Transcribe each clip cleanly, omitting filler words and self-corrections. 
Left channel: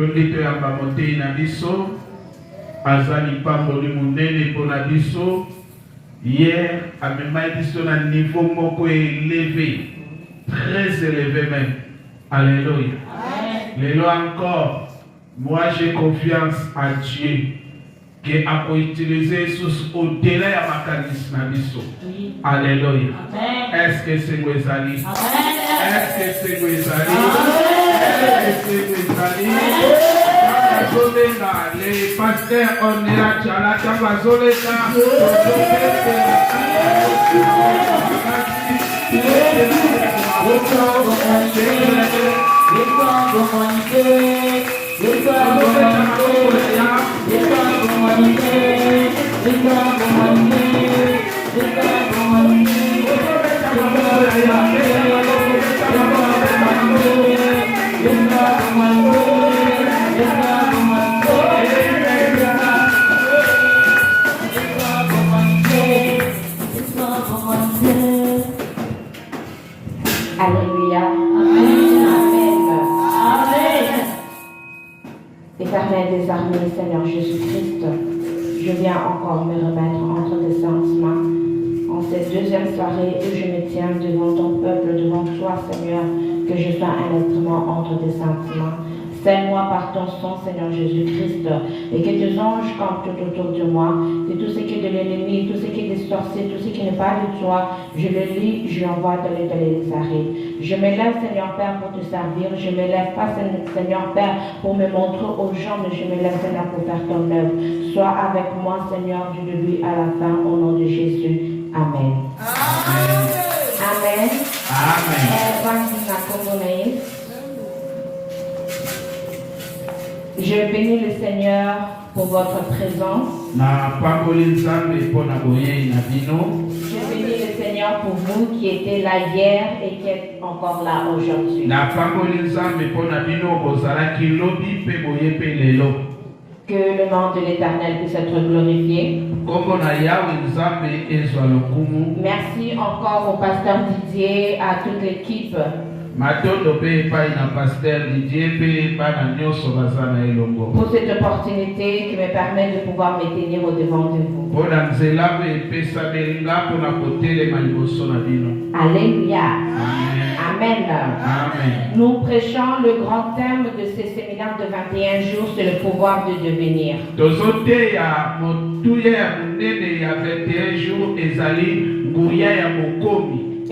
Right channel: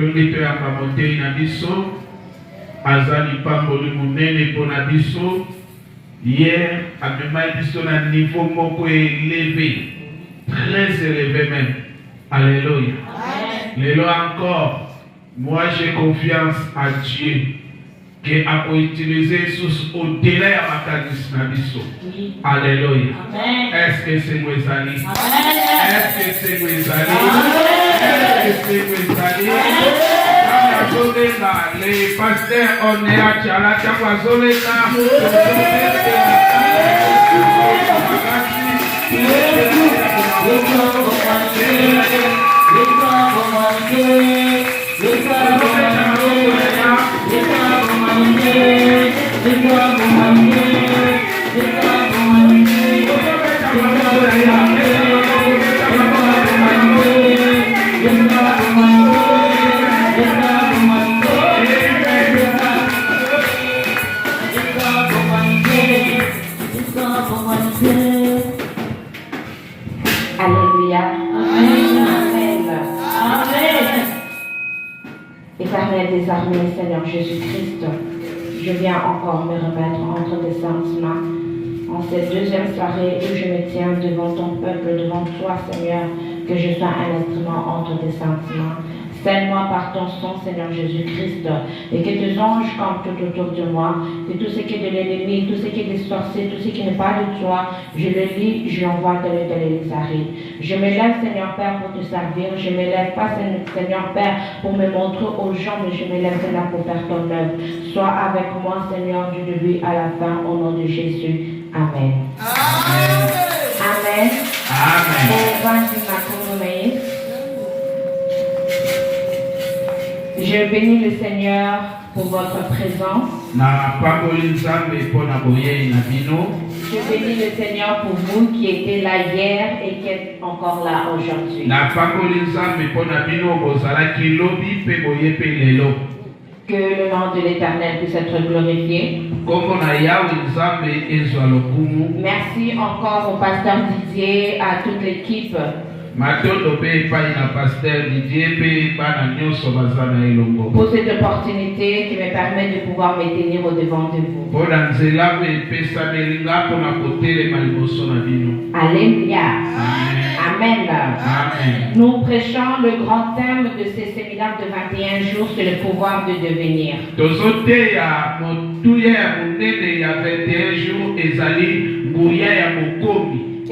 Tondi to ya kamote na biso. Azali pamboli munene pona biso. Hier, amemai biso na niveau moko élevé. Très élevé même. Alléluia. Lélo encore. Moi j'ai confiance à Dieu. Que a utiliser sous au-delà de ma charisme. Alléluia. Est-ce que c'est mes amis? Est-ce que c'est mes amis? Est-ce que c'est mes amis? Les pasteurs, on est à Tchala, Alléluia. Amen. Éternel des armées, Seigneur Jésus-Christ, je viens encore me remettre entre tes saintes mains en cette deuxième soirée où je me tiens devant ton peuple, devant toi, Seigneur, que je sois un instrument entre tes saintes mains. Scelle-moi par ton sang, Seigneur Jésus-Christ, et que tes anges campent tout autour de moi, que tout ce qui est de l'ennemi, tout ce qui est des sorciers, tout ce qui n'est pas de toi, je le lis, je l'envoie dans les arrêts. Je me lève, Seigneur Père, pour te servir. Je me lève pas, Seigneur Père, pour me montrer aux gens, mais je me lève, Seigneur, pour faire ton œuvre. Sois avec moi, Seigneur, du début à la fin, au nom de Jésus. Amen. Amen. Amen. Amen. Je bénis le Seigneur pour votre présence. Je bénis le Seigneur pour vous qui étiez là hier et qui êtes encore là aujourd'hui. Que le nom de l'Éternel puisse être glorifié. Merci encore au pasteur Didier, à toute l'équipe. Pour cette opportunité qui me permet de pouvoir me tenir au devant de vous. Alléluia. Amen. Amen. Nous prêchons le grand thème de ce séminaire de 21 jours, c'est le pouvoir de devenir.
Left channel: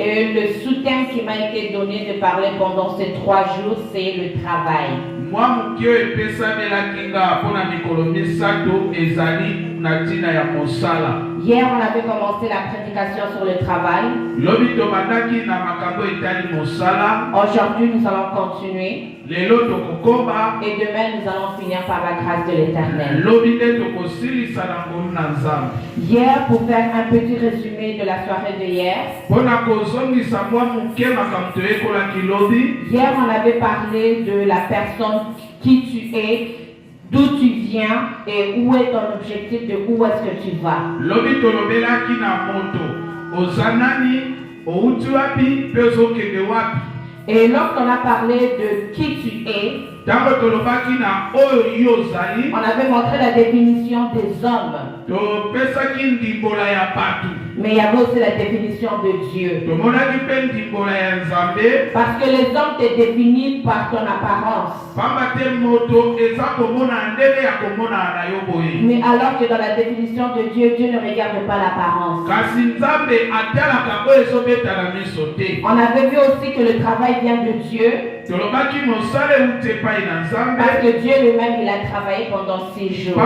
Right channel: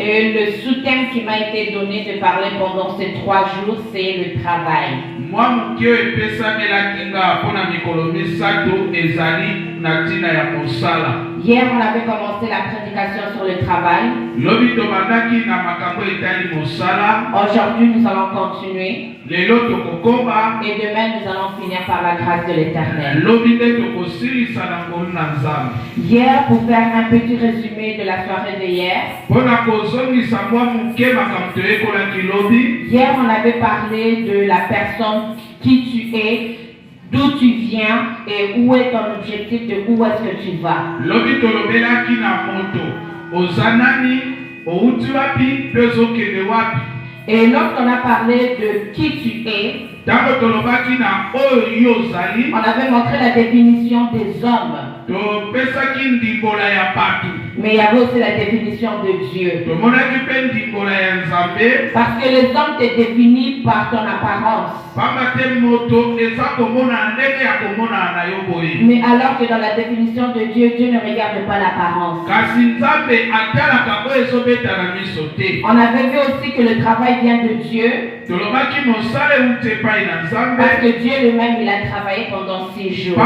Et le sous-thème qui m'a été donné de parler pendant ces 3 jours, c'est le travail. Hier, on avait commencé la prédication sur le travail. Aujourd'hui, nous allons continuer. Et demain, nous allons finir par la grâce de l'Éternel. Hier, pour faire un petit résumé de la soirée de hier. Hier, on avait parlé de la personne qui tu es, d'où tu viens et où est ton objectif, de où est-ce que tu vas. Et lorsqu'on a parlé de qui tu es, on avait montré la définition des hommes. Mais il y avait aussi la définition de Dieu. Parce que les hommes te définissent par ton apparence. Mais alors que dans la définition de Dieu, Dieu ne regarde pas l'apparence. On avait vu aussi que le travail vient de Dieu. Parce que Dieu lui-même, il a travaillé pendant 6 jours.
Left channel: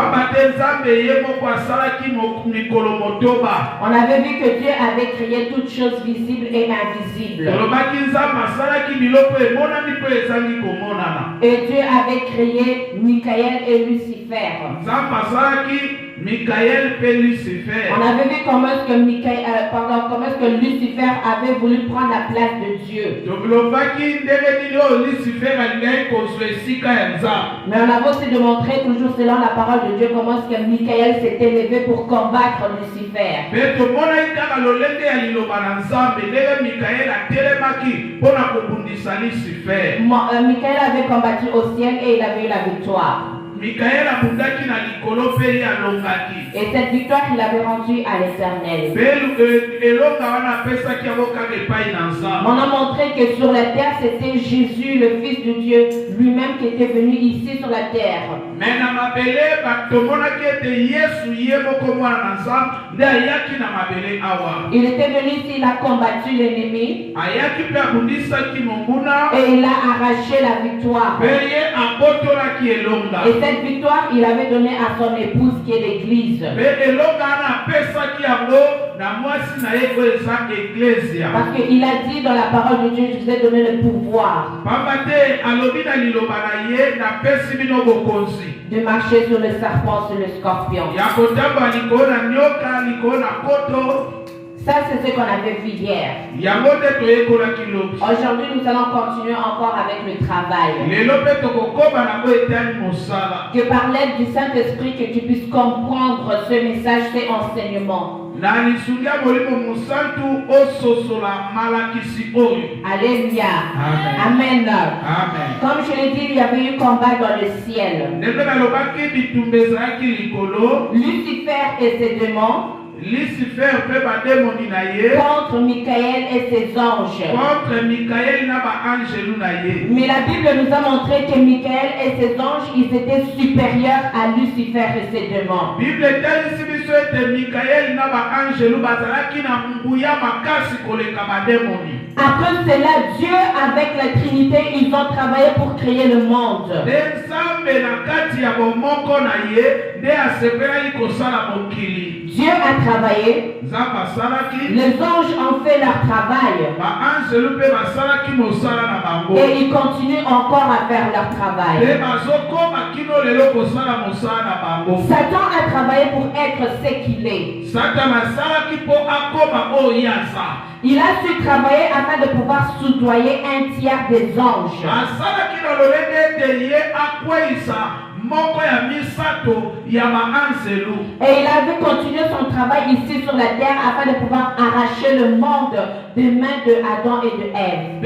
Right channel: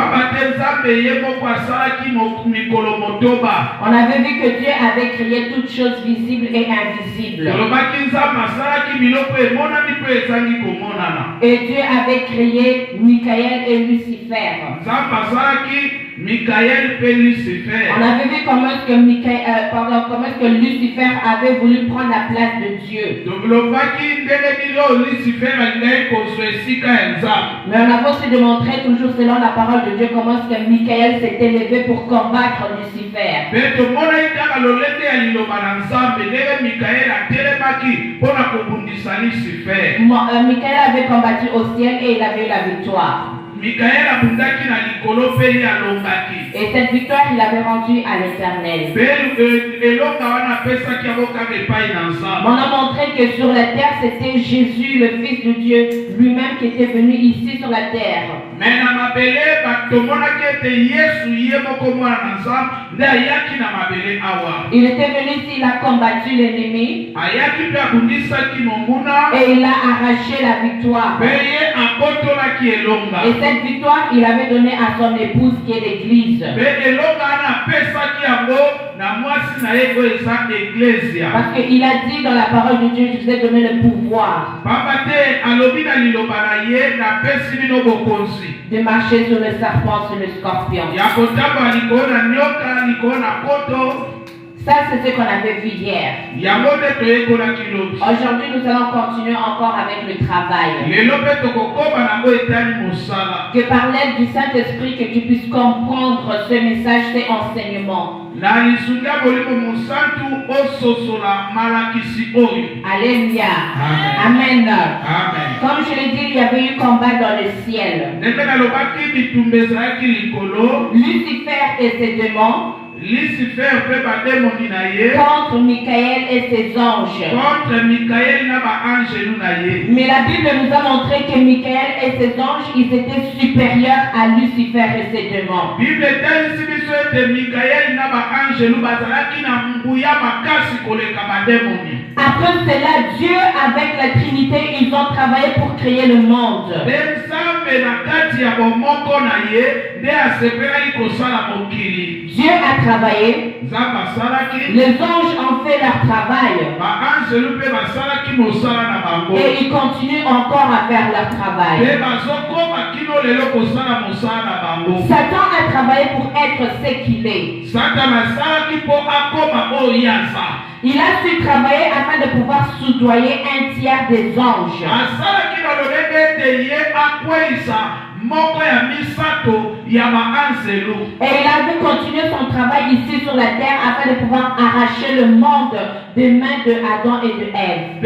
On avait vu que Dieu avait créé toutes choses visibles et invisibles. Et Dieu avait créé Michael et Lucifer. Michael et Lucifer. On avait vu comment est-ce que Lucifer avait voulu prendre la place de Dieu. Mais on a aussi démontré toujours selon la parole de Dieu comment est-ce que Michael s'est élevé pour combattre Lucifer. Michael avait combattu au ciel et il avait eu la victoire. Et cette victoire, il avait rendue à l'Éternel. On a montré que sur la terre, c'était Jésus, le Fils de Dieu, lui-même qui était venu ici sur la terre. Il était venu ici, il a combattu l'ennemi. Et il a arraché la victoire. Et cette victoire, il avait donné à son épouse qui est l'Église. Parce qu'il a dit dans la parole de Dieu, je vous ai donné le pouvoir de marcher sur le serpent, sur le scorpion. Ça, c'est ce qu'on avait vu hier. Aujourd'hui, nous allons continuer encore avec le travail. Que par l'aide du Saint-Esprit, que tu puisses comprendre ce message, ces enseignements. Alléluia. Amen. Amen. Comme je l'ai dit, il y avait eu combat dans le ciel. Lucifer et ses démons contre Michael et ses anges. Mais la Bible nous a montré que Michael et ses anges, ils étaient supérieurs à Lucifer et ses démons. Après cela, Dieu avec la Trinité, ils ont travaillé pour créer le monde. Dieu a travaillé. Les anges ont fait leur travail. Et ils continuent encore à faire leur travail. Satan a travaillé pour être ce qu'il est. Il a su travailler afin de pouvoir soudoyer un tiers des anges. Et il avait continué son travail ici sur la terre afin de pouvoir arracher le monde des mains de Adam et de Ève.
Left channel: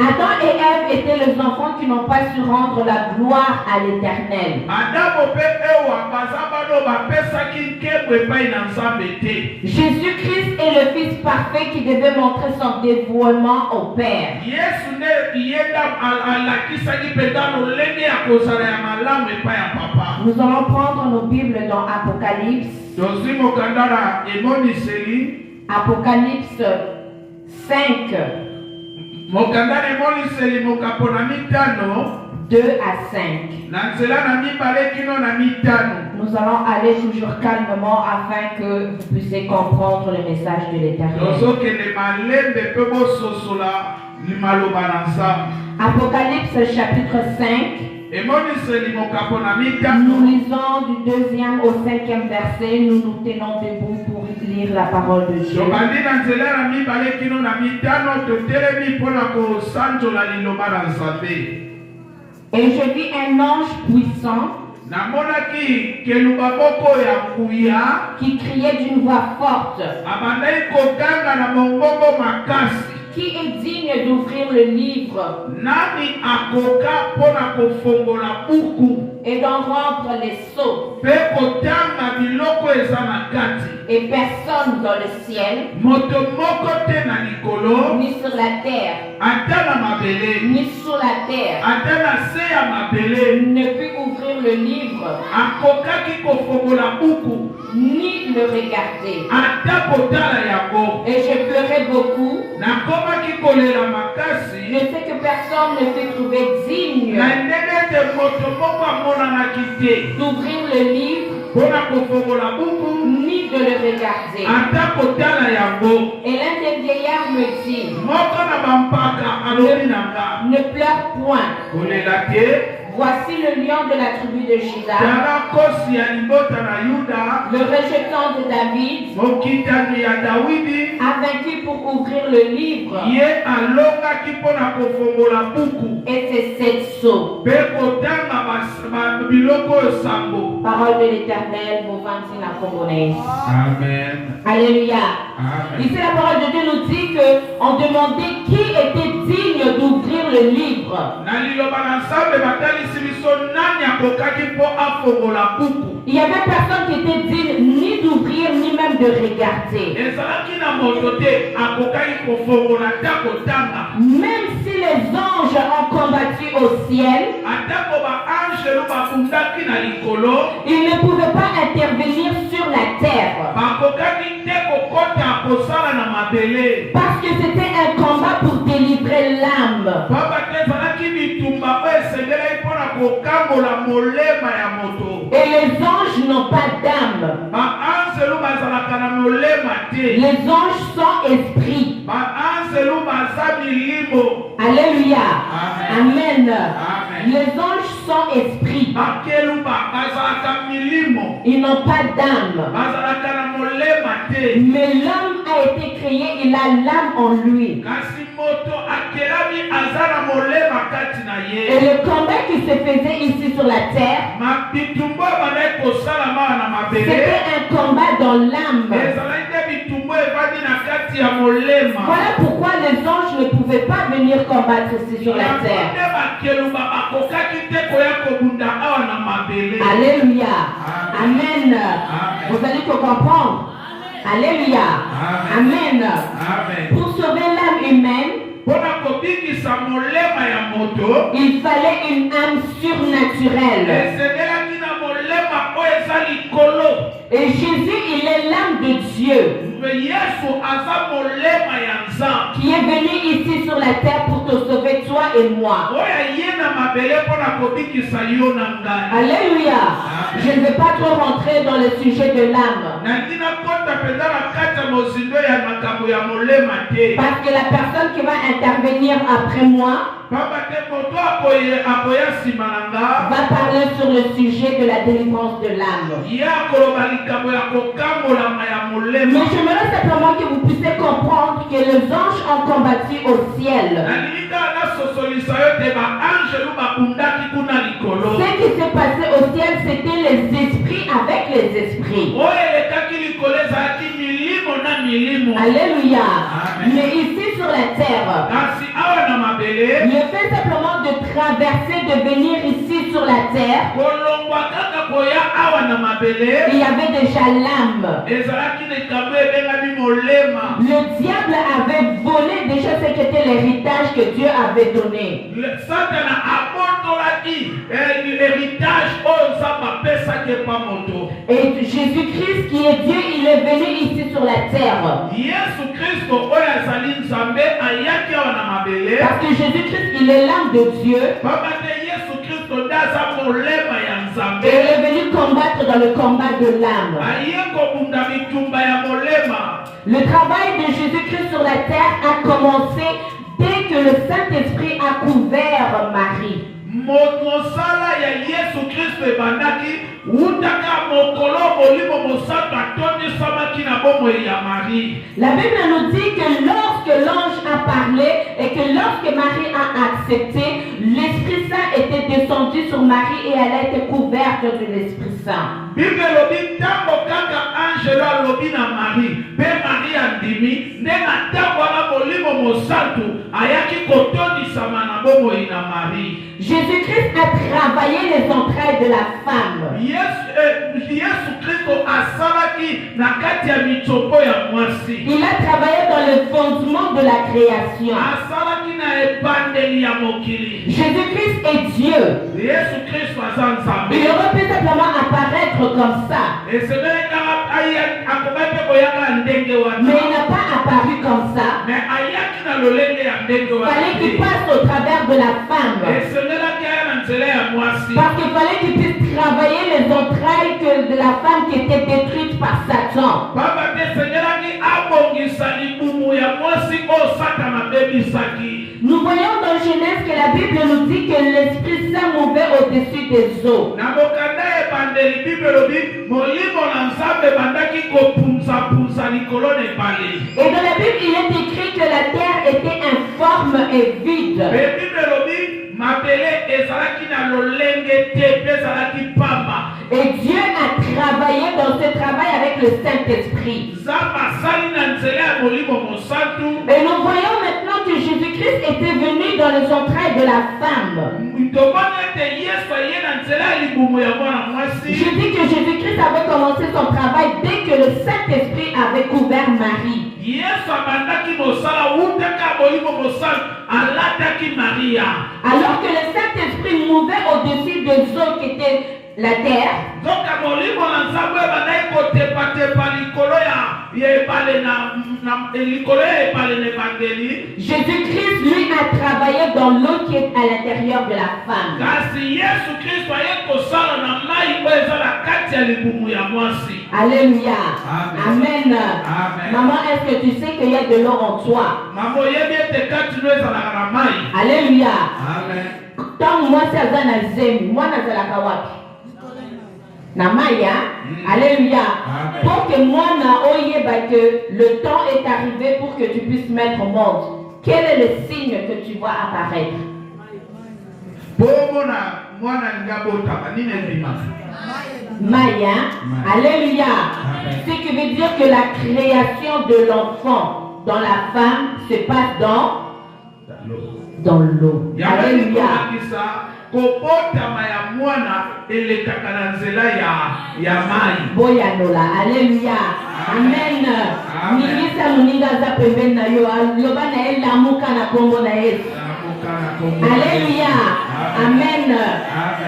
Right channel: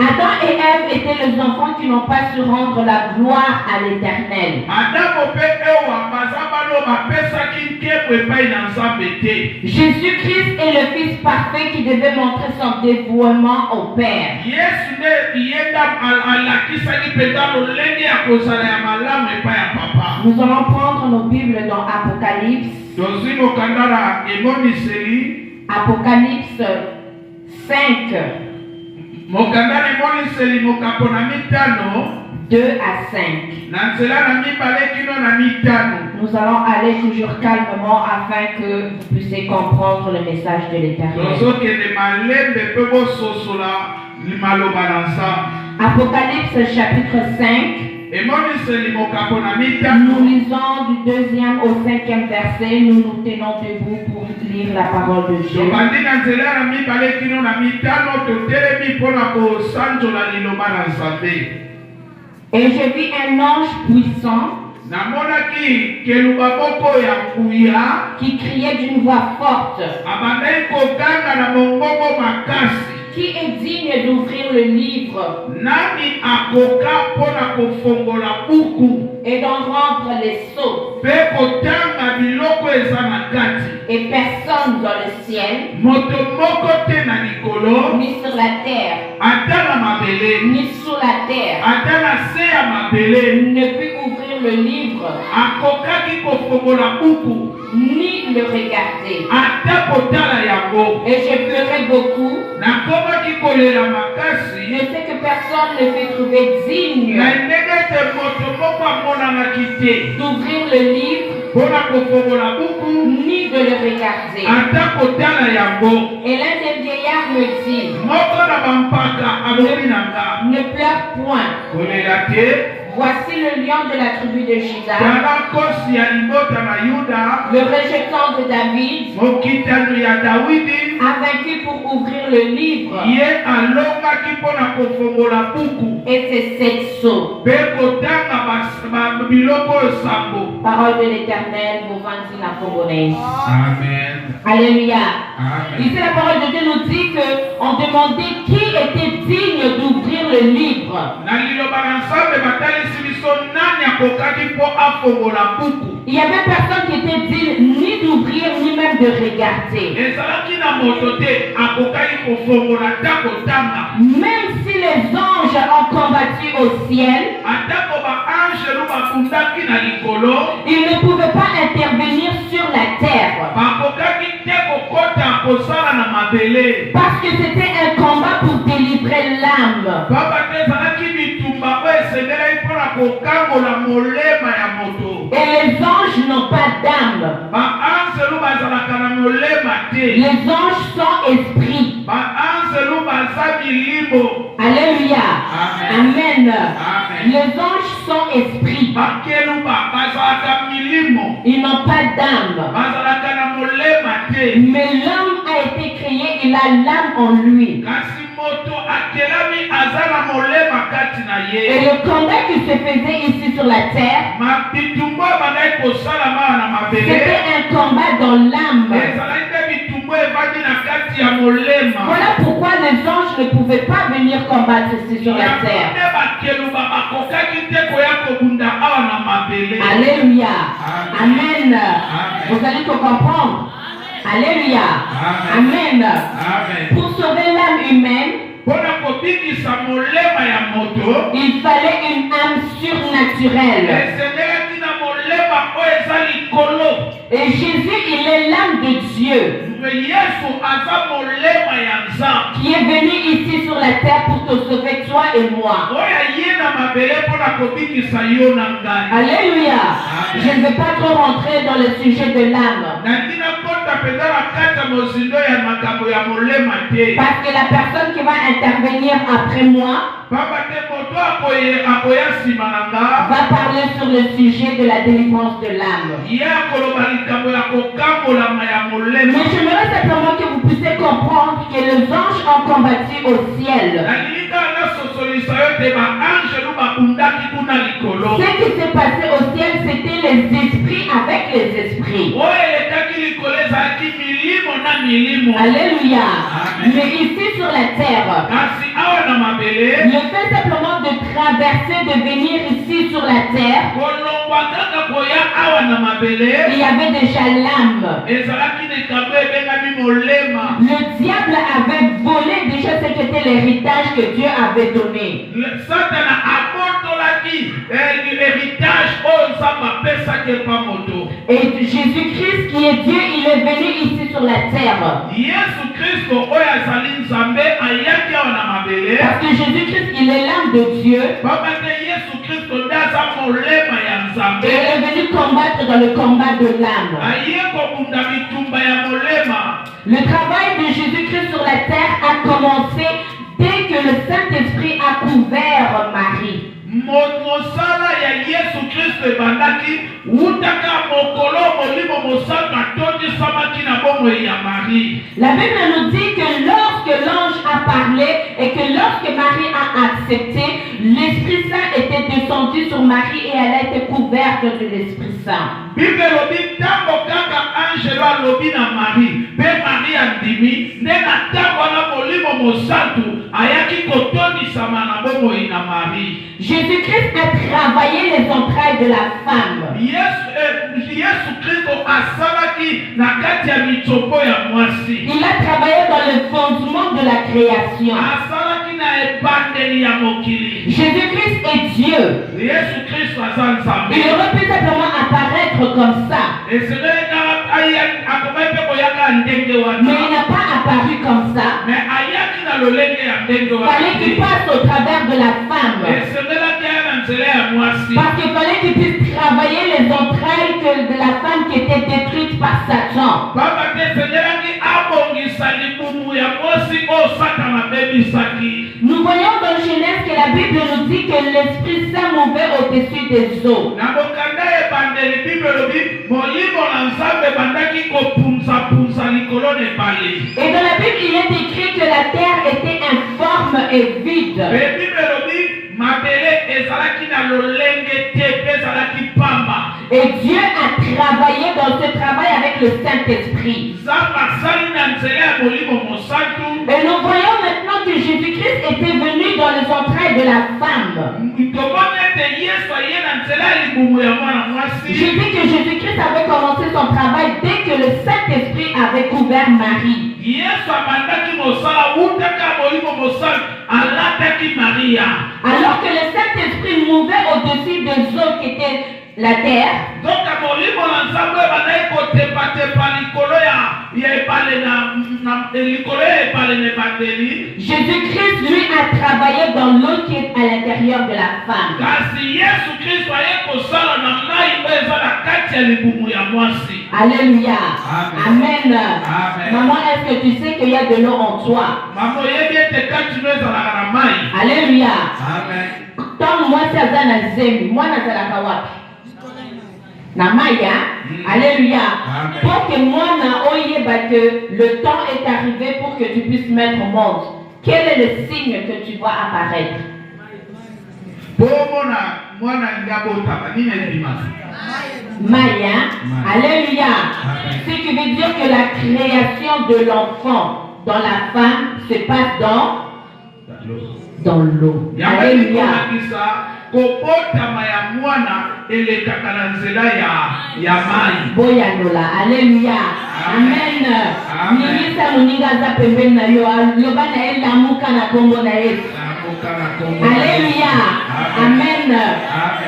Adam et Ève étaient les enfants qui n'ont pas su rendre la gloire à l'Éternel. Jésus-Christ est le Fils parfait qui devait montrer son dévouement au Père. Nous allons prendre nos Bibles dans Apocalypse. Apocalypse 5. 2 à 5. Nous allons aller toujours calmement afin que vous puissiez comprendre le message de l'Éternel. Apocalypse chapitre 5. Nous lisons du 2e au 5e verset. Nous nous tenons debout pour lire la parole de Dieu. Et je vis un ange puissant qui criait d'une voix forte, qui est digne d'ouvrir le livre et d'en rendre les sceaux. Et personne dans le ciel, ni sur la terre, ni sous la terre, ne peut ouvrir le livre, ni le regarder. Et je ferai beaucoup de ce que personne ne peut trouver digne d'ouvrir le livre ni de le regarder. Et l'un des vieillards me dit, ne pleure point. Voici le lion de la tribu de Juda, le rejetant de David, a vaincu pour ouvrir le livre et ses 7 sceaux. Parole de l'Éternel, Bovantina Congolaise. Amen. Alléluia. Amen. Ici, la parole de Dieu nous dit qu'on demandait qui était digne d'ouvrir le livre. Il n'y avait personne qui était digne ni d'ouvrir ni même de regarder. Même si les anges ont combattu au ciel, ils ne pouvaient pas intervenir sur la terre. Parce que c'était un combat pour délivrer l'âme. Et les anges n'ont pas d'âme. Les anges sont esprits. Alléluia. Amen. Les anges sont esprits. Ils n'ont pas d'âme. Mais l'homme a été créé, il a l'âme en lui. Et le combat qui se faisait ici sur la terre, c'était un combat dans l'âme. Voilà pourquoi les anges ne pouvaient pas venir combattre ici sur la terre. Alléluia. Amen. Vous allez tout comprendre. Alléluia. Amen. Pour sauver l'âme humaine, il fallait une âme surnaturelle. Et Jésus, il est l'âme de Dieu qui est venu ici sur la terre pour te sauver, toi et moi. Alléluia. Je ne vais pas trop rentrer dans le sujet de l'âme. Parce que la personne qui va intervenir après moi va parler sur le sujet de la délivrance de l'âme. Mais j'aimerais simplement que vous puissiez comprendre que les anges ont combattu au ciel. Ce qui s'est passé au ciel, c'était les esprits avec les esprits. Alléluia. Mais ici sur la terre, le fait simplement de traverser, de venir ici sur la terre, il y avait déjà l'âme. Le diable avait volé déjà ce qu'était l'héritage que Dieu avait donné. Et Jésus-Christ qui est Dieu, il est venu ici sur la terre. Parce que Jésus-Christ, il est l'âme de Dieu. Et il est venu combattre dans le combat de l'âme. Le travail de Jésus-Christ sur la terre a commencé dès que le Saint-Esprit a couvert Marie. mosala ya Yesu Kristo ebandaki utaka mokolo molimo mosantu atondisamaki na bomoi ya Marie. La Bible nous dit que lorsque l'ange a parlé et que lorsque Marie a accepté, l'Esprit Saint était descendu sur Marie et elle a été couverte de l'Esprit Saint. Bible lobi tango kaka angelo alobi na Marie pe Marie andimi ndena tango na molimo mosantu ayaki kotondisama na bomoi na Marie. Jésus-Christ a travaillé les entrailles de la femme. Yesu Kristo asalaki na kati ya mitsopo ya mwasi. Il a travaillé dans le fondement de la création. Asalaki na ebandeli ya mokili. Jésus-Christ est Dieu. Yesu Kristo azanzambe. Il aurait pu simplement apparaître comme ça. Mais il n'a pas apparu comme ça. Il fallait qu'il passe au travers de la femme. Parce qu'il fallait qu'il puisse travailler les entrailles de la femme qui était détruite par Satan. Nous voyons dans Genèse que la Bible nous dit que l'Esprit Saint mouvait au-dessus des eaux. Et dans la Bible, il est écrit que la terre était informe et vide. Et Dieu a travaillé dans ce travail avec le Saint-Esprit. Et nous voyons maintenant que Jésus-Christ était venu dans les entrailles de la femme. Je dis que Jésus-Christ avait commencé son travail dès que le Saint-Esprit avait couvert Marie. Alors que le Saint-Esprit mouvait au-dessus des eaux qui étaient la terre. Jésus-Christ, lui, a travaillé dans l'eau qui est à l'intérieur de la femme. Alléluia. Amen. Amen. Maman, est-ce que tu sais qu'il y a de l'eau en toi? Alléluia. Amen. Tant moi, c'est Azana Zemi, moi, Nazala Kawapi. Namaya, alléluia. Pour que moi que le temps est arrivé pour que tu puisses mettre au monde. Quel est le signe que tu vois apparaître? Maya, alléluia. Ce qui veut dire que la création de l'enfant dans la femme se passe dans l'eau. Alléluia. Boyanola, alléluia. Amen. Nigisa muninga za pembeni na yo, loba na ele amuka na kombo na ele. Alléluia. Amen.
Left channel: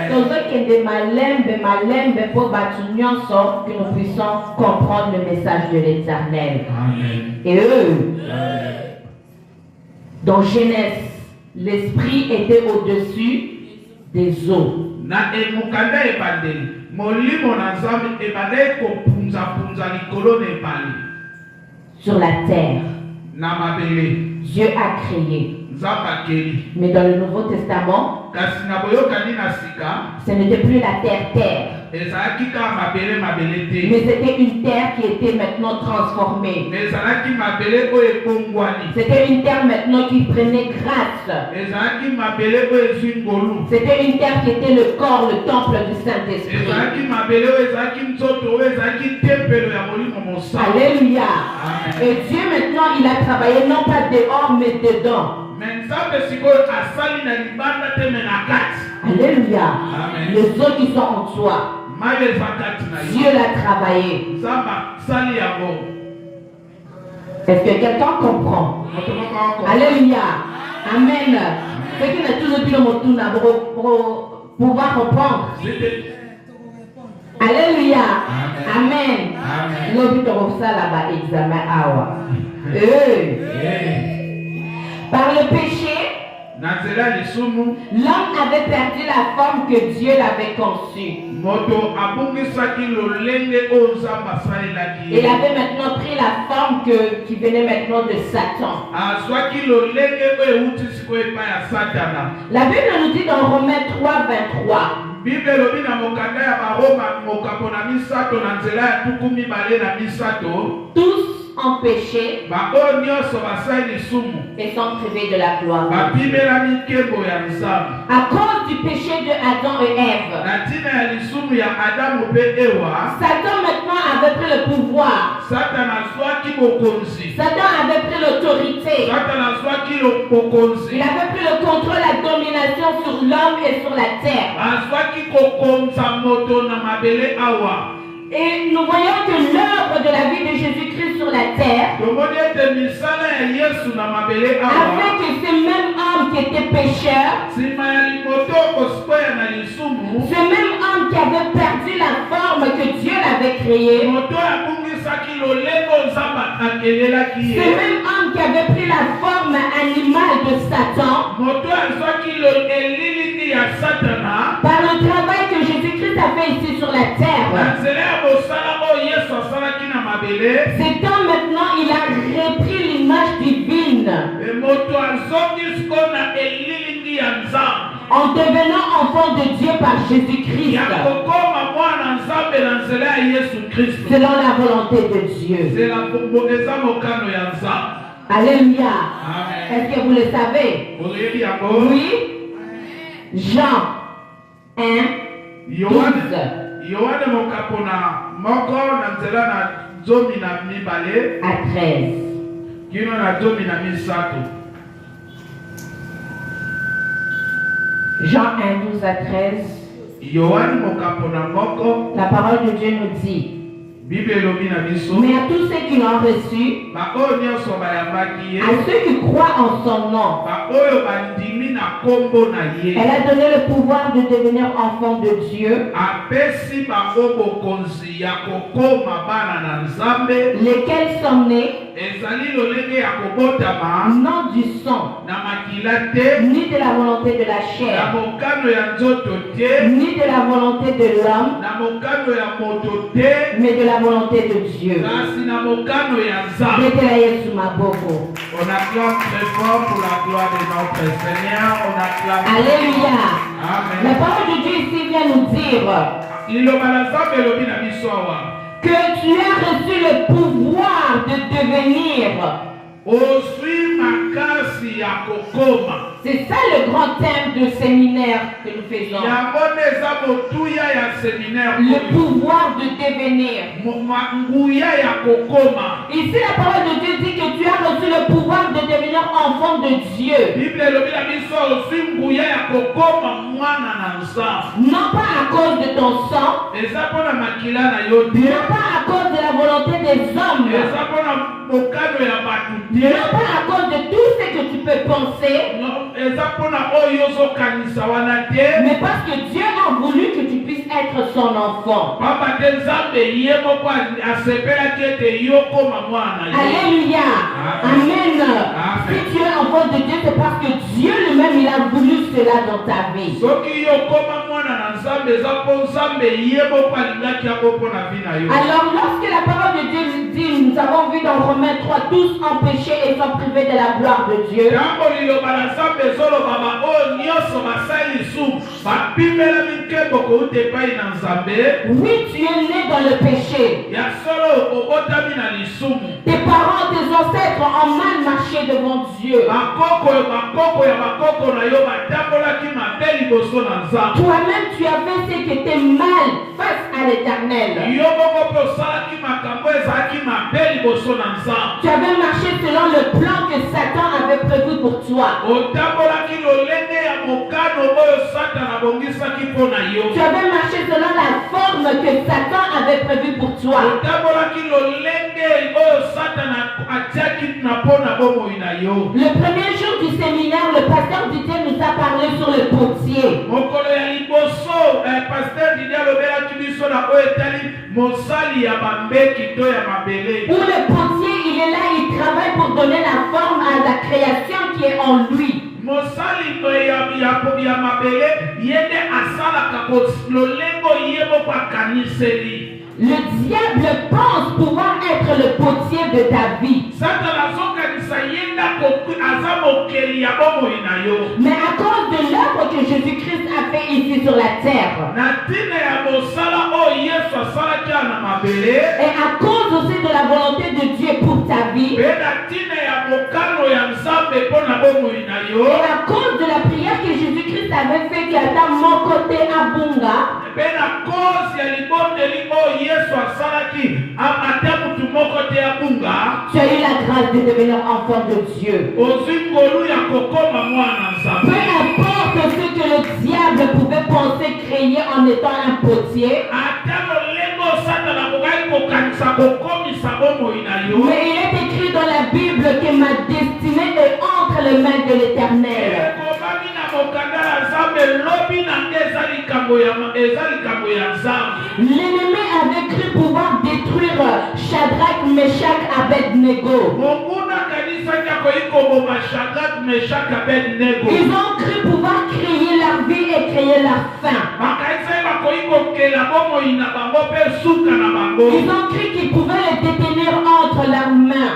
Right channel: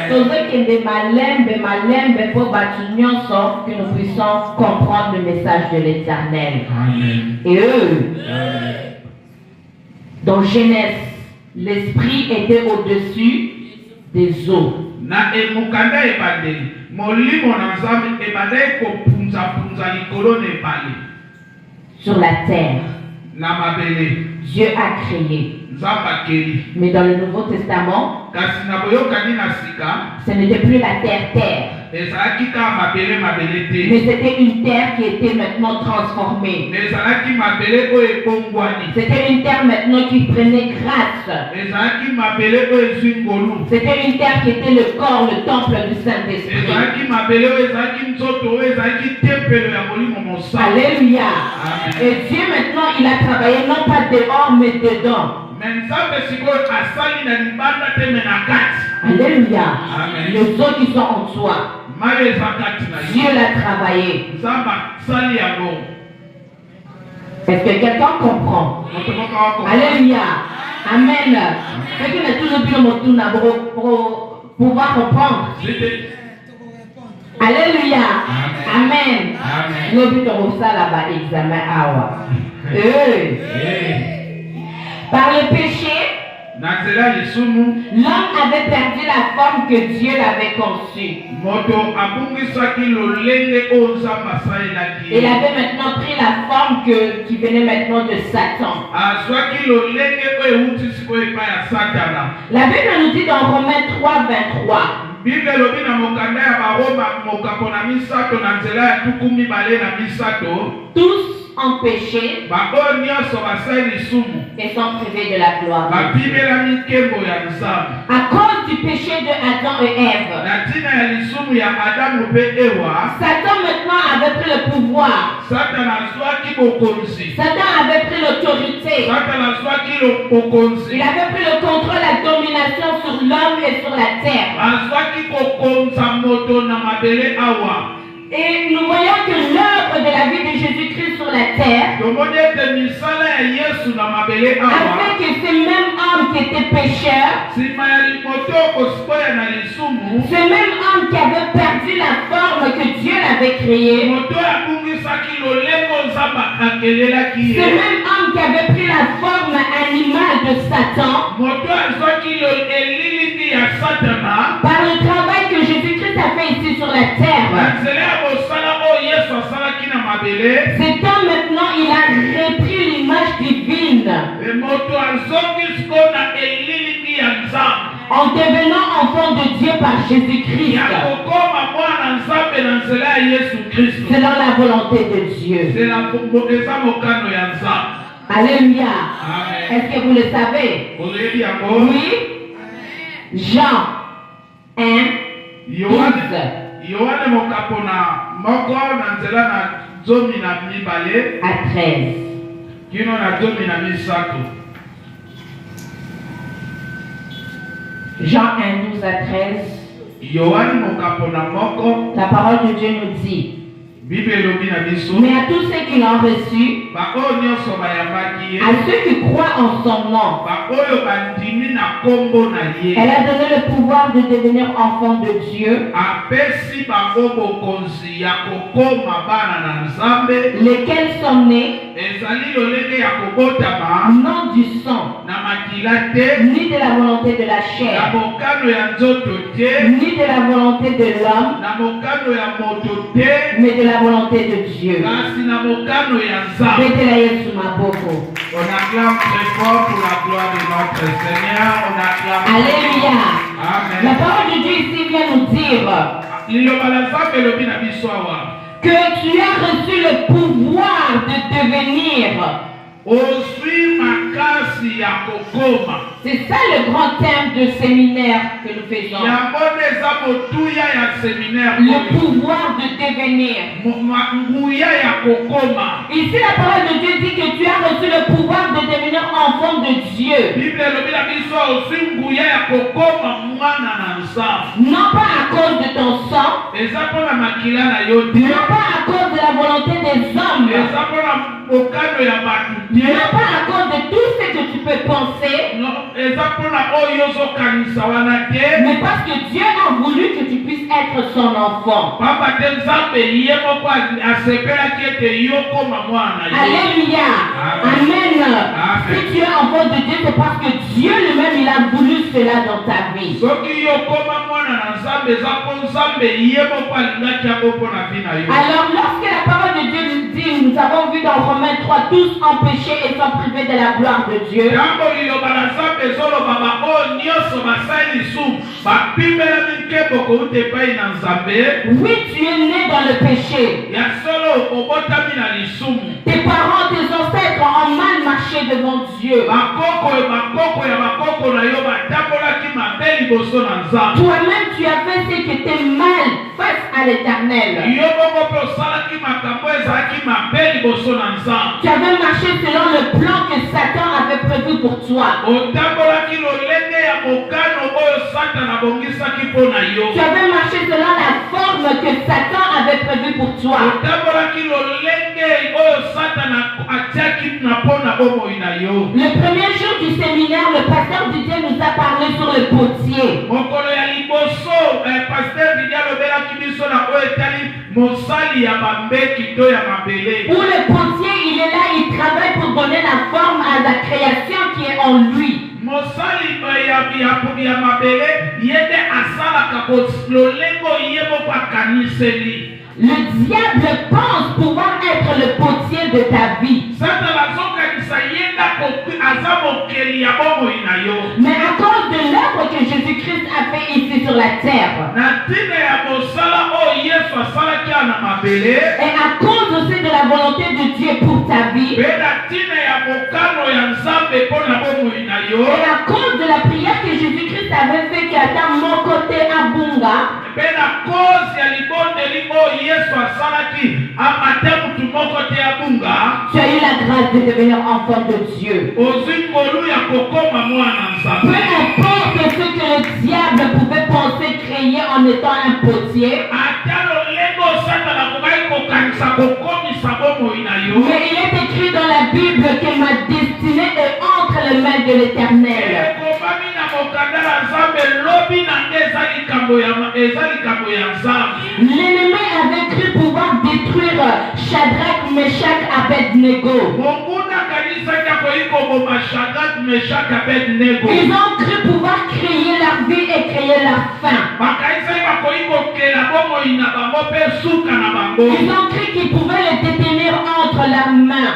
Tozokende malembe pour batu nyonso que nous puissions comprendre le message de l'Éternel. Et eux, dans Genèse, l'esprit était au-dessus des eaux. Sur la terre, Dieu a créé. Mais dans le Nouveau Testament, ce n'était plus la terre. Mais c'était une terre qui était maintenant transformée. C'était une terre maintenant qui prenait grâce. C'était une terre qui était le corps, le temple du Saint-Esprit. Alléluia. Et Dieu maintenant, il a travaillé non pas dehors mais dedans. Alléluia. Les eaux qui sont en toi, Dieu l'a travaillé. Est-ce que quelqu'un comprend? Alléluia. Amen. Ce qui n'est toujours plus le mot pour pouvoir comprendre. Alléluia. Amen. Nous avons ça là-bas, examen awa. Par le péché, l'homme avait perdu la forme que Dieu l'avait conçue. Il avait maintenant pris la forme qui venait maintenant de Satan. La Bible nous dit dans Romains 3:23. Tous ont péché et sont privés de la gloire. À cause du péché de Adam et Ève, Satan maintenant avait pris le pouvoir. Satan avait pris l'autorité. Il avait pris le contrôle, la domination sur l'homme et sur la terre. Et nous voyons que l'œuvre de la vie de Jésus-Christ sur la terre, avec ces mêmes hommes qui étaient pécheurs, ce même homme qui avait perdu la forme que Dieu l'avait créée, ce même homme qui avait pris la forme animale de Satan, Cet homme maintenant, il a repris l'image divine en devenant enfant de Dieu par Jésus-Christ. Selon la volonté de Dieu. Alléluia. Est-ce que vous le savez? Oui. Jean 1, 12. À 13. Jean 1, 12 à 13. La parole de Dieu nous dit: mais à tous ceux qui l'ont reçu, à ceux qui croient en son nom, elle a donné le pouvoir de devenir enfant de Dieu, lesquels sont nés non du sang, ni de la volonté de la chair, ni de la volonté de l'homme, mais de la volonté de Dieu. On acclame très fort pour la gloire de notre Seigneur. On acclame. Alléluia. Amen. La parole de Dieu ici vient nous dire que tu as reçu le pouvoir de devenir. C'est ça le grand thème de séminaire que nous faisons. Le pouvoir de devenir. Ici la parole de Dieu dit que tu as reçu le pouvoir de devenir enfant de Dieu. Non pas à cause de ton sang, non pas à cause de la volonté des hommes, non pas à cause de tout ce que tu peux penser, mais parce que Dieu a voulu que tu puisses être son enfant. Alléluia. Amen. Si tu es enfant de Dieu, c'est parce que Dieu lui-même, il a voulu cela dans ta vie. Alors lorsque la parole de Dieu nous dit, nous avons vu dans Romains 3, tous ont péché et sont privés de la gloire de Dieu. Oui, tu es né dans le péché. Tes parents, tes ancêtres ont mal marché devant Dieu. Toi-même, tu as fait ce qui était mal face à l'Éternel. Tu avais marché selon le plan que Satan avait prévu pour toi. Tu avais marché selon la forme que Satan avait prévue pour toi. Le premier jour du séminaire, le pasteur Didier nous a parlé sur le potier. Où le potier, il est là, il travaille pour donner la forme à la création qui est en lui. Le diable pense pouvoir être le potier de ta vie. Mais à cause de l'œuvre que Jésus-Christ a fait ici sur la terre, et à cause aussi de la volonté de Dieu pour ta vie, et à cause de la prière que Jésus-Christ avait fait qui atteint mon côté à Bunga, tu as eu la grâce de devenir enfant de Dieu. Peu importe ce que le diable pouvait penser créer en étant un potier, mais il est écrit dans la Bible que ma destinée est entre les mains de l'Éternel. L'ennemi avait cru pouvoir détruire Shadrach, Meshach, Abednego. Ils ont cru pouvoir créer leur vie et créer leur fin. Ils ont cru qu'ils pouvaient le détenir entre leurs mains.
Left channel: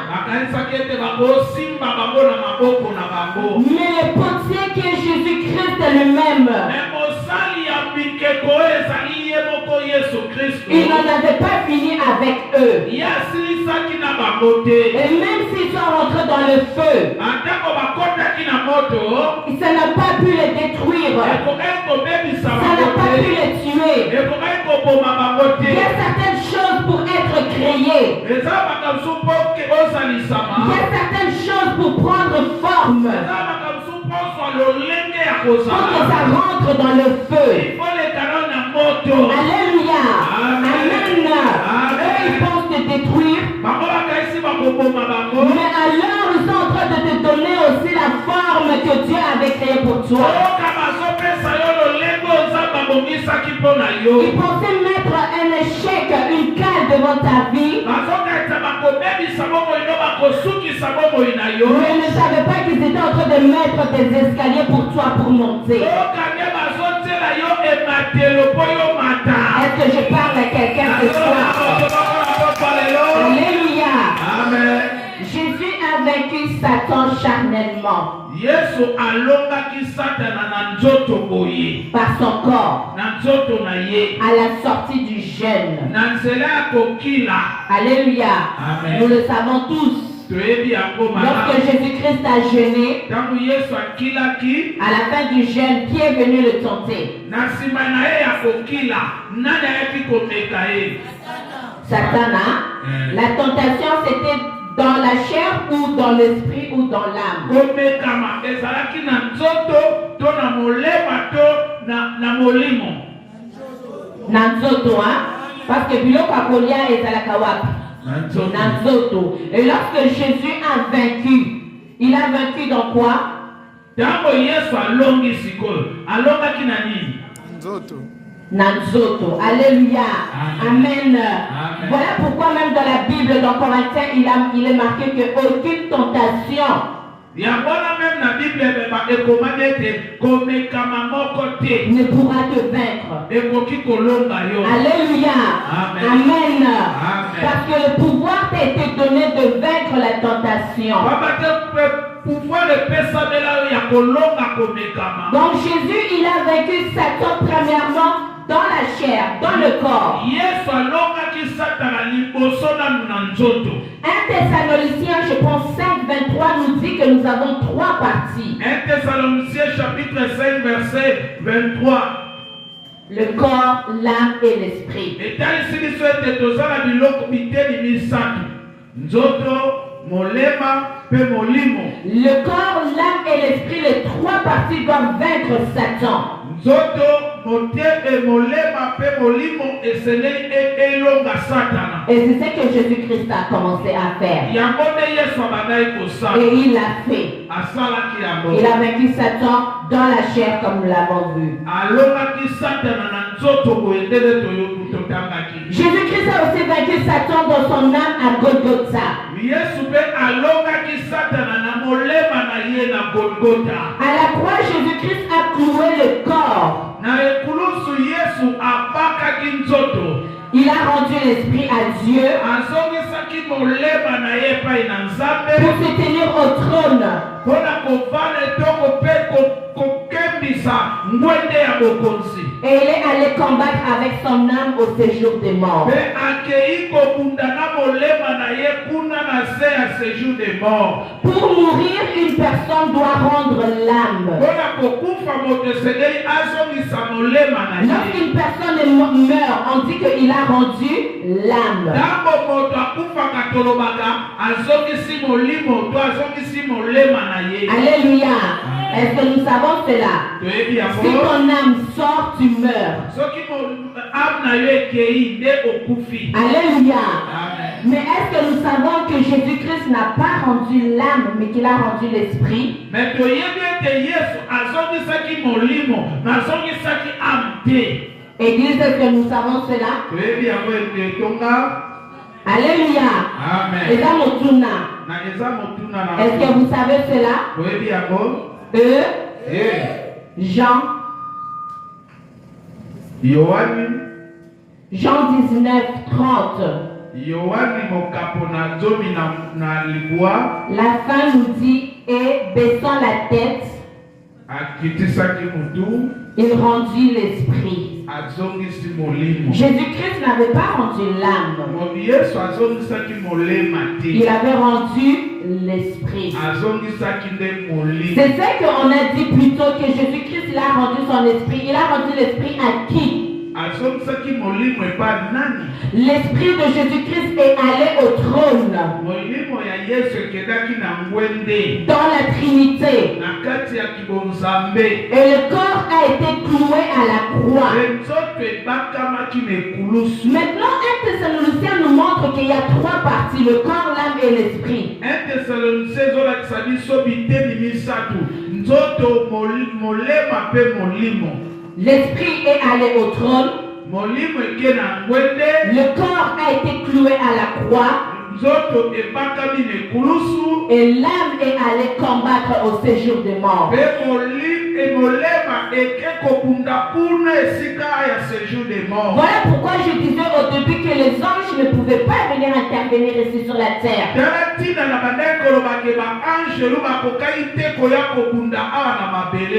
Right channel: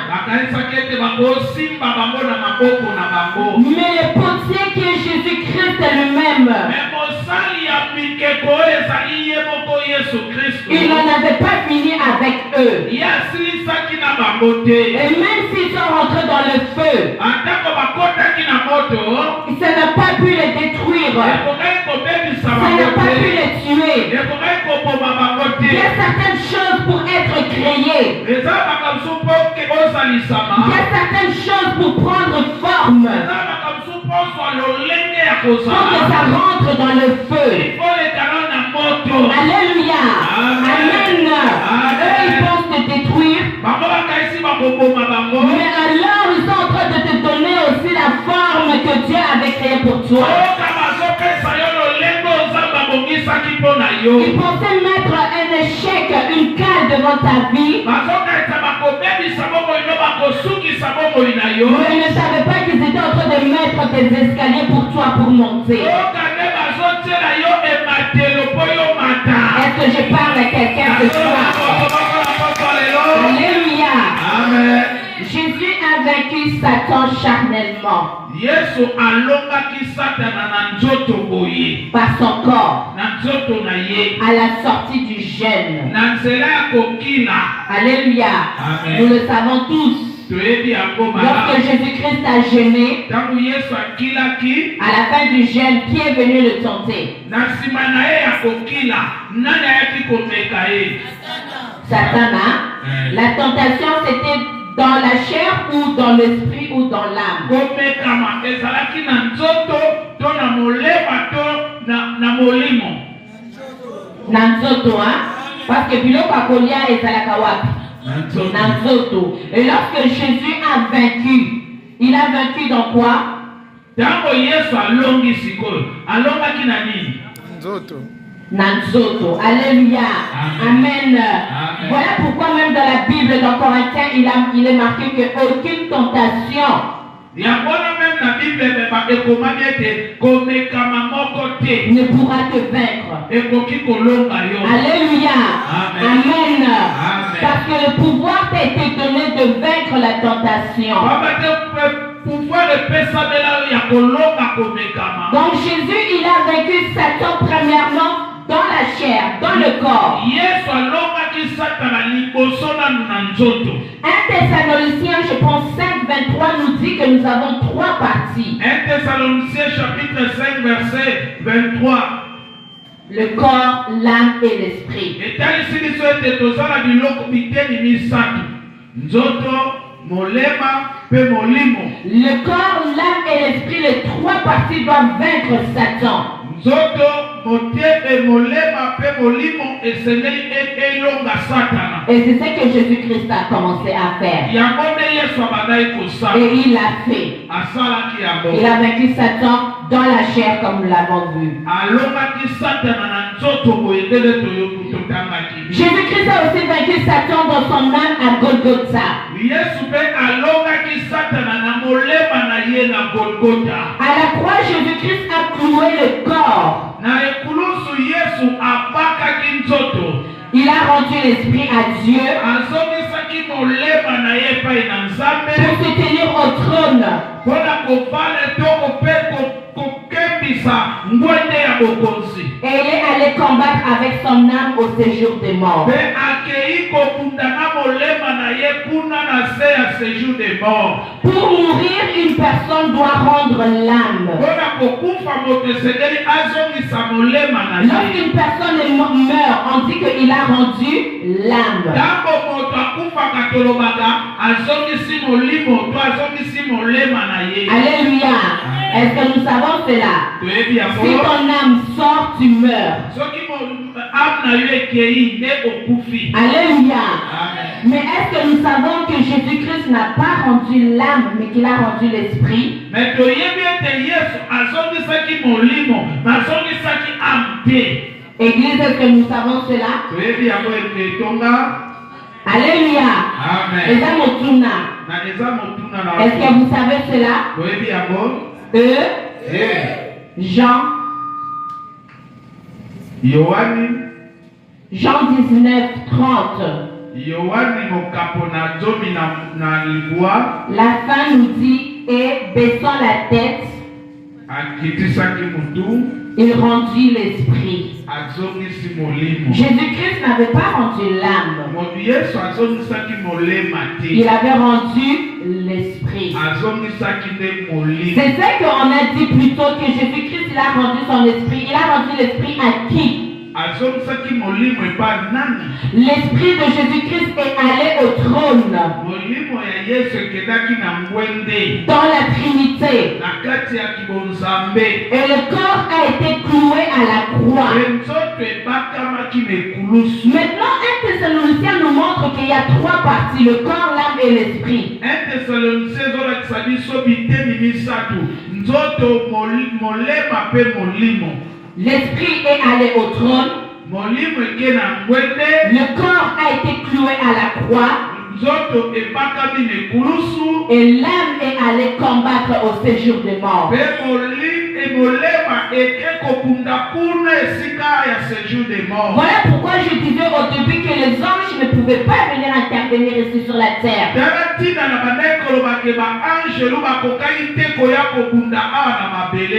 Mais le potier qui est Jésus-Christ est le même. Il n'en avait pas fini avec eux. Et même s'ils sont rentrés dans le feu, ça n'a pas pu les détruire. Ça n'a pas pu les tuer. Il y a certaines choses pour être créées. Il y a certaines choses pour prendre forme. Pour que ça rentre dans le feu. Alléluia. Amen. Eux, ils pensent te détruire. Mais alors, ils sont en train de te donner aussi la forme que Dieu avait créée pour toi. Ils pensaient mettre un échec, une cale devant ta vie. Mais ils ne savaient pas qu'ils étaient en train de mettre des escaliers pour toi pour monter. Est-ce que je parle à quelqu'un ce soir? Alléluia. Amen. Jésus a vaincu Satan charnellement. Par son corps. À la sortie du jeûne. Alléluia. Amen. Nous le savons tous. Lorsque Jésus-Christ a jeûné, à la fin du jeûne, qui est venu le tenter? Satan. La tentation, c'était dans la chair ou dans l'esprit ou dans l'âme? Nanzoto, hein? Parce que biloko akolia ezalaka wapi? Nanzoto. Et lorsque Jésus a vaincu, il a vaincu dans quoi? Nanzoto. Alléluia. Amen. Voilà pourquoi même dans la Bible, dans Corinthiens, il est marqué qu'aucune tentation ne pourra te vaincre. Alléluia. Amen. Parce que le pouvoir t'a été donné de vaincre la tentation. Donc Jésus, il a vaincu Satan premièrement dans la chair, dans le corps. 1 Thessaloniciens, je pense 5:23 nous dit que nous avons 3 parties. 1 Thessaloniciens chapitre 5 verset 23. Le corps, l'âme et l'esprit. Le corps, l'âme et l'esprit, les 3 parties doivent vaincre Satan. Et c'est ce que Jésus-Christ a commencé à faire. Et il l'a fait. Il a vaincu Satan dans la chair comme nous l'avons vu. Jésus-Christ a aussi vaincu Satan dans son âme à Golgotha. À la croix, Jésus-Christ a cloué le corps. Il a rendu l'esprit à Dieu pour se tenir au trône. Et il est allé combattre avec son âme au séjour des morts. Pour mourir, une personne doit rendre l'âme. Lorsqu'une personne meurt, on dit qu'il a rendu l'âme. Alléluia. Est-ce que nous savons cela? Si ton âme sort, tu meurs. Alléluia. Mais est-ce que nous savons que Jésus-Christ n'a pas rendu l'âme, mais qu'il a rendu l'esprit? Église, est-ce que nous savons cela? Alléluia. Est-ce que vous savez cela? Jean Yohani Jean 19, 30. Yohani mokapona zomi na libwa. La fin nous dit, et baissant la tête, akitisaki mutu. il rendit l'esprit. Azongisi molimo. Jésus-Christ n'avait pas rendu l'âme. Yesu azongisaki molema te. Il avait rendu l'esprit. Azongisaki nde molimo. C'est ça qu'on a dit plus tôt, que Jésus-Christ il a rendu son esprit. Il a rendu l'esprit à qui? Azongisaki molimo epa nani? L'esprit de Jésus-Christ est allé au trône. Molimo ya Yesu ekendaki na ngwende. Dans la Trinité. Na kati ya kibonzambe. Et le corps a été cloué à la croix. Nzoto ebakamaki mekulusu. Maintenant, 1 Thessaloniciens nous montre qu'il y a trois parties, le corps, l'âme et l'esprit. 1 Thessaloniciens ezolakisa biso bitemi misatu. Nzoto, molema pe molimo. L'esprit est allé au trône. Molimo eke na ngwende. Le corps a été cloué à la croix. Nzoto ebakami mekulusu. Et l'âme est allée combattre au séjour des morts. Pe molema eke kokunda kuna esika ya séjour des morts. Voilà pourquoi je disais au début que les anges ne pouvaient pas venir intervenir ici sur la terre.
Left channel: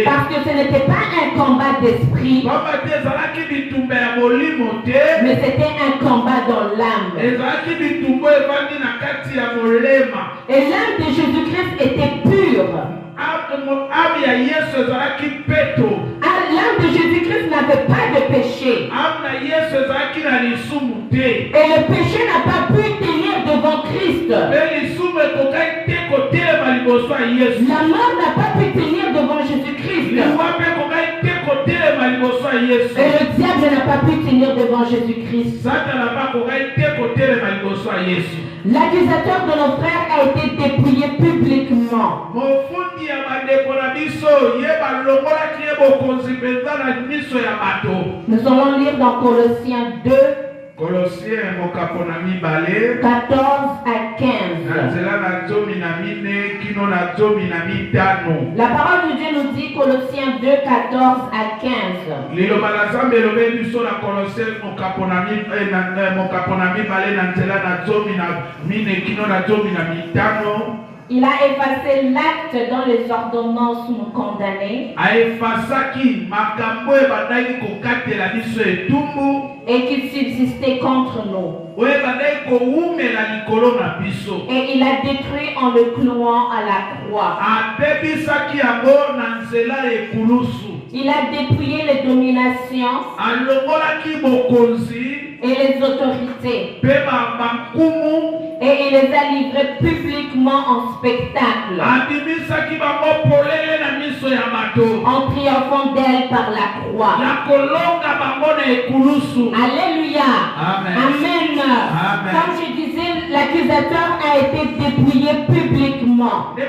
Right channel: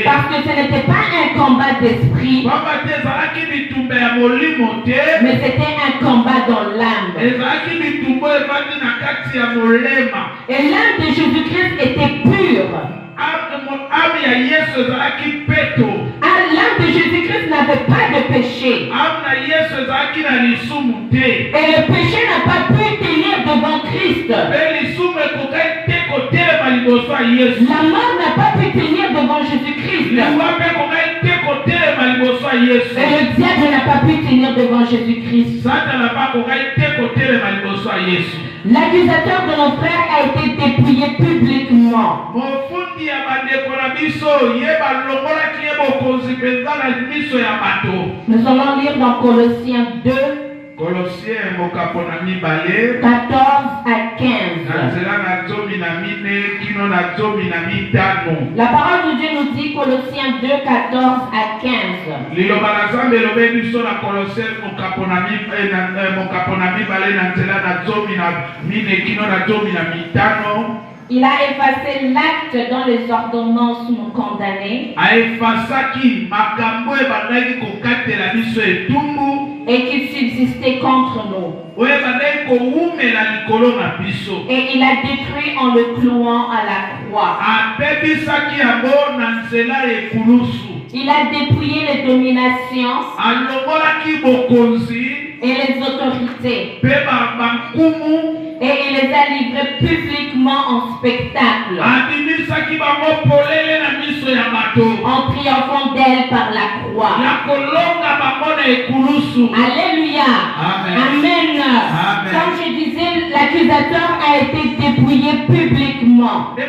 Parce que ce n'était pas un combat d'esprit, mais c'était un combat dans l'âme. Et l'âme de Jésus-Christ était pure. L'âme de Jésus-Christ n'avait pas de péché. Et le péché n'a pas pu tenir devant Christ. La mort n'a pas pu tenir devant Jésus-Christ. Et le diable n'a pas pu tenir devant Jésus-Christ. L'accusateur de nos frères a été dépouillé publiquement. Nous allons lire dans Colossiens 2, Colossiens 14 à 15. La parole de Dieu nous dit, Colossiens 2, 14 à 15. Il a effacé l'acte dont les ordonnances nous condamnaient et qui subsistait contre nous. Et il a détruit en le clouant à la croix. Il a dépouillé les dominations et les autorités. Et il les a livrés publiquement en spectacle, en triomphant d'elle par la croix. Alléluia. Amen. Amen. Comme je disais, l'accusateur a été dépouillé publiquement. Le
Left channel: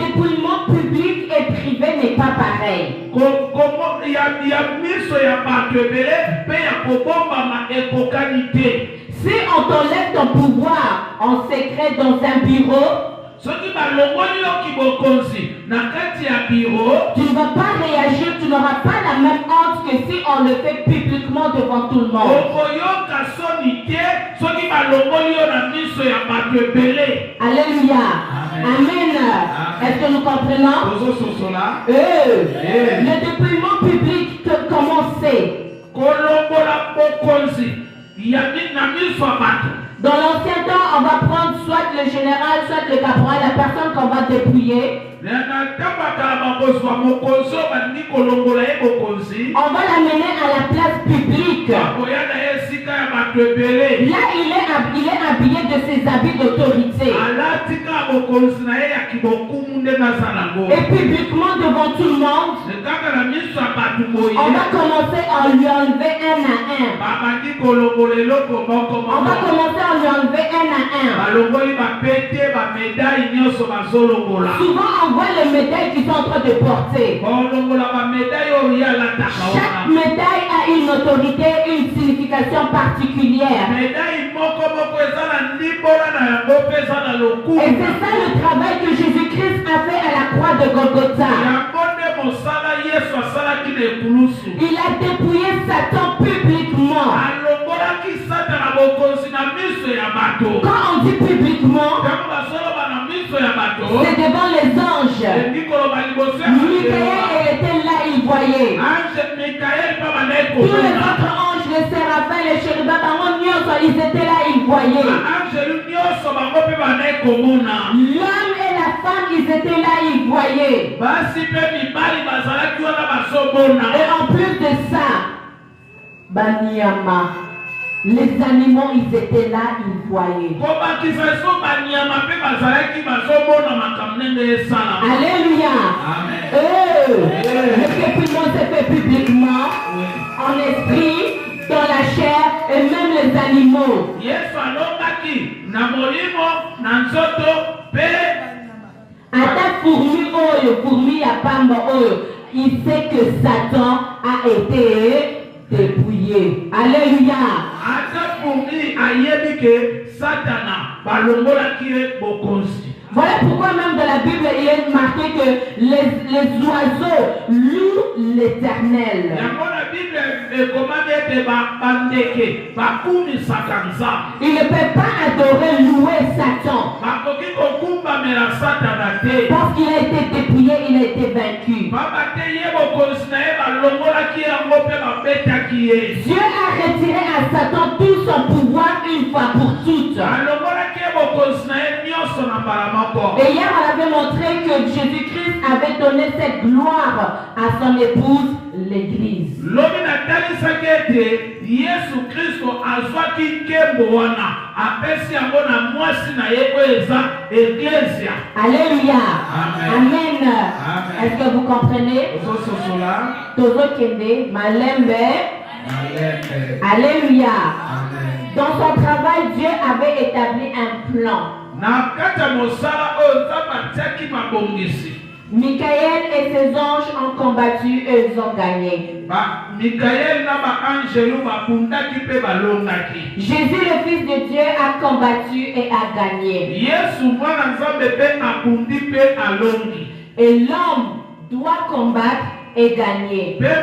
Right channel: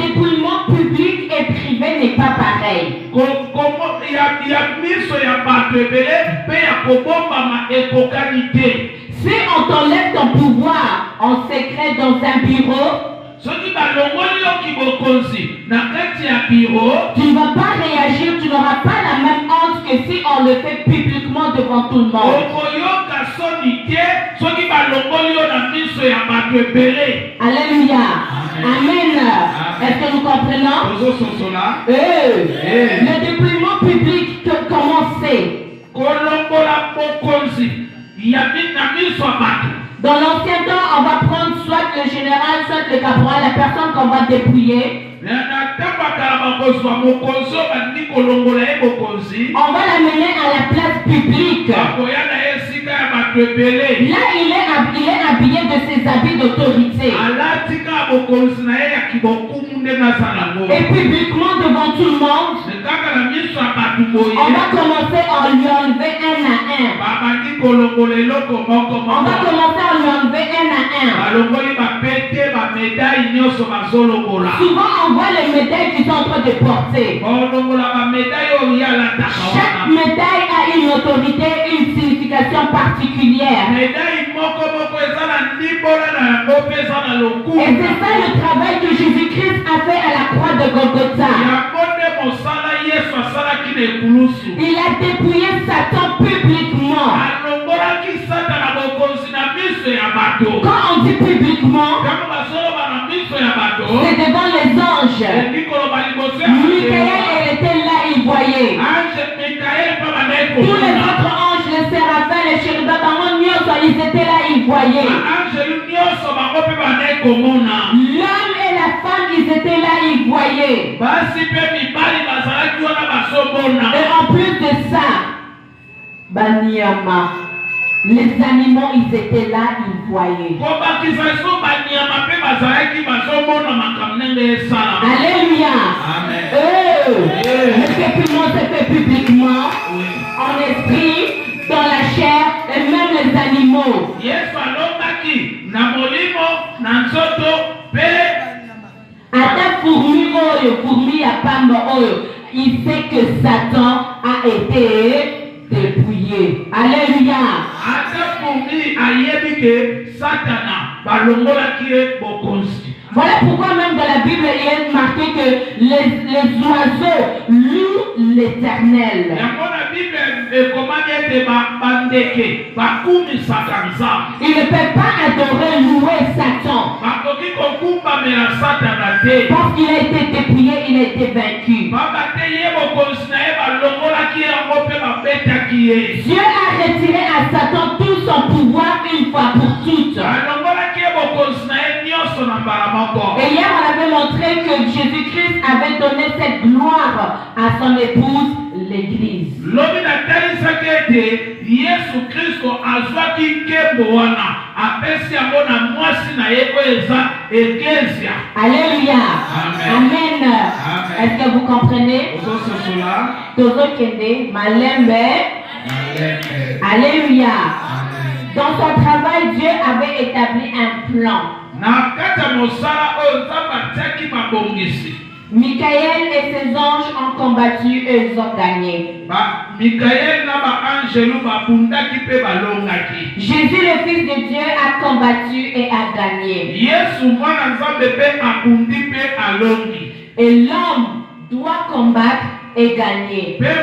dépouillement public et privé n'est pas pareil. Si on t'enlève ton pouvoir en secret dans un bureau, tu ne vas pas réagir, tu n'auras pas la même honte que si on le fait publiquement devant tout le monde. Alléluia. Amen. Est-ce que nous comprenons? Le dépouillement public, comment c'est? Dans l'ancien temps, on va prendre soit le général, soit le caporal, la personne qu'on va dépouiller. On va l'amener à la place publique. Là, il est habillé de ses habits d'autorité. Et publiquement devant tout le monde, on va commencer à lui enlever un à un. On va commencer à lui enlever un à un. Souvent, on voit les médailles qu'ils sont en train de porter. Chaque médaille a une autorité, une signification particulière. Et c'est ça le travail que Jésus-Christ a fait à la croix Il a dépouillé Satan publiquement. Quand on dit publiquement, c'est devant les anges. Michael, il était là, il voyait. Tous les autres anges, les séraphins, les chérubins, ils étaient là, ils voyaient. L'homme et la femme, ils étaient là, ils voyaient. Et en plus de ça, Banyama, les animaux, ils étaient là, ils voyaient. Alléluia. Le pépiment se fait publiquement, en esprit, dans la chair, et même les animaux. Ata fourmi à pamba oyo, il sait que Satan a été dépouillé. Alléluia. Voilà pourquoi même dans la Bible il est marqué que les oiseaux louent l'Éternel. Il ne peut pas adorer, louer Satan. Parce qu'il a été dépouillé, il a été vaincu. Dieu a retiré à Satan tout son pouvoir une fois pour toutes. Et hier on avait montré que Jésus-Christ avait donné cette gloire à son épouse, l'Église. Alléluia. Amen. Est-ce que vous comprenez? Alléluia. Dans son travail, Dieu avait établi un plan. Michael et ses anges ont combattu et ils ont gagné. Jésus, le Fils de Dieu, a combattu et a gagné. Et l'homme doit combattre et gagner. Mais le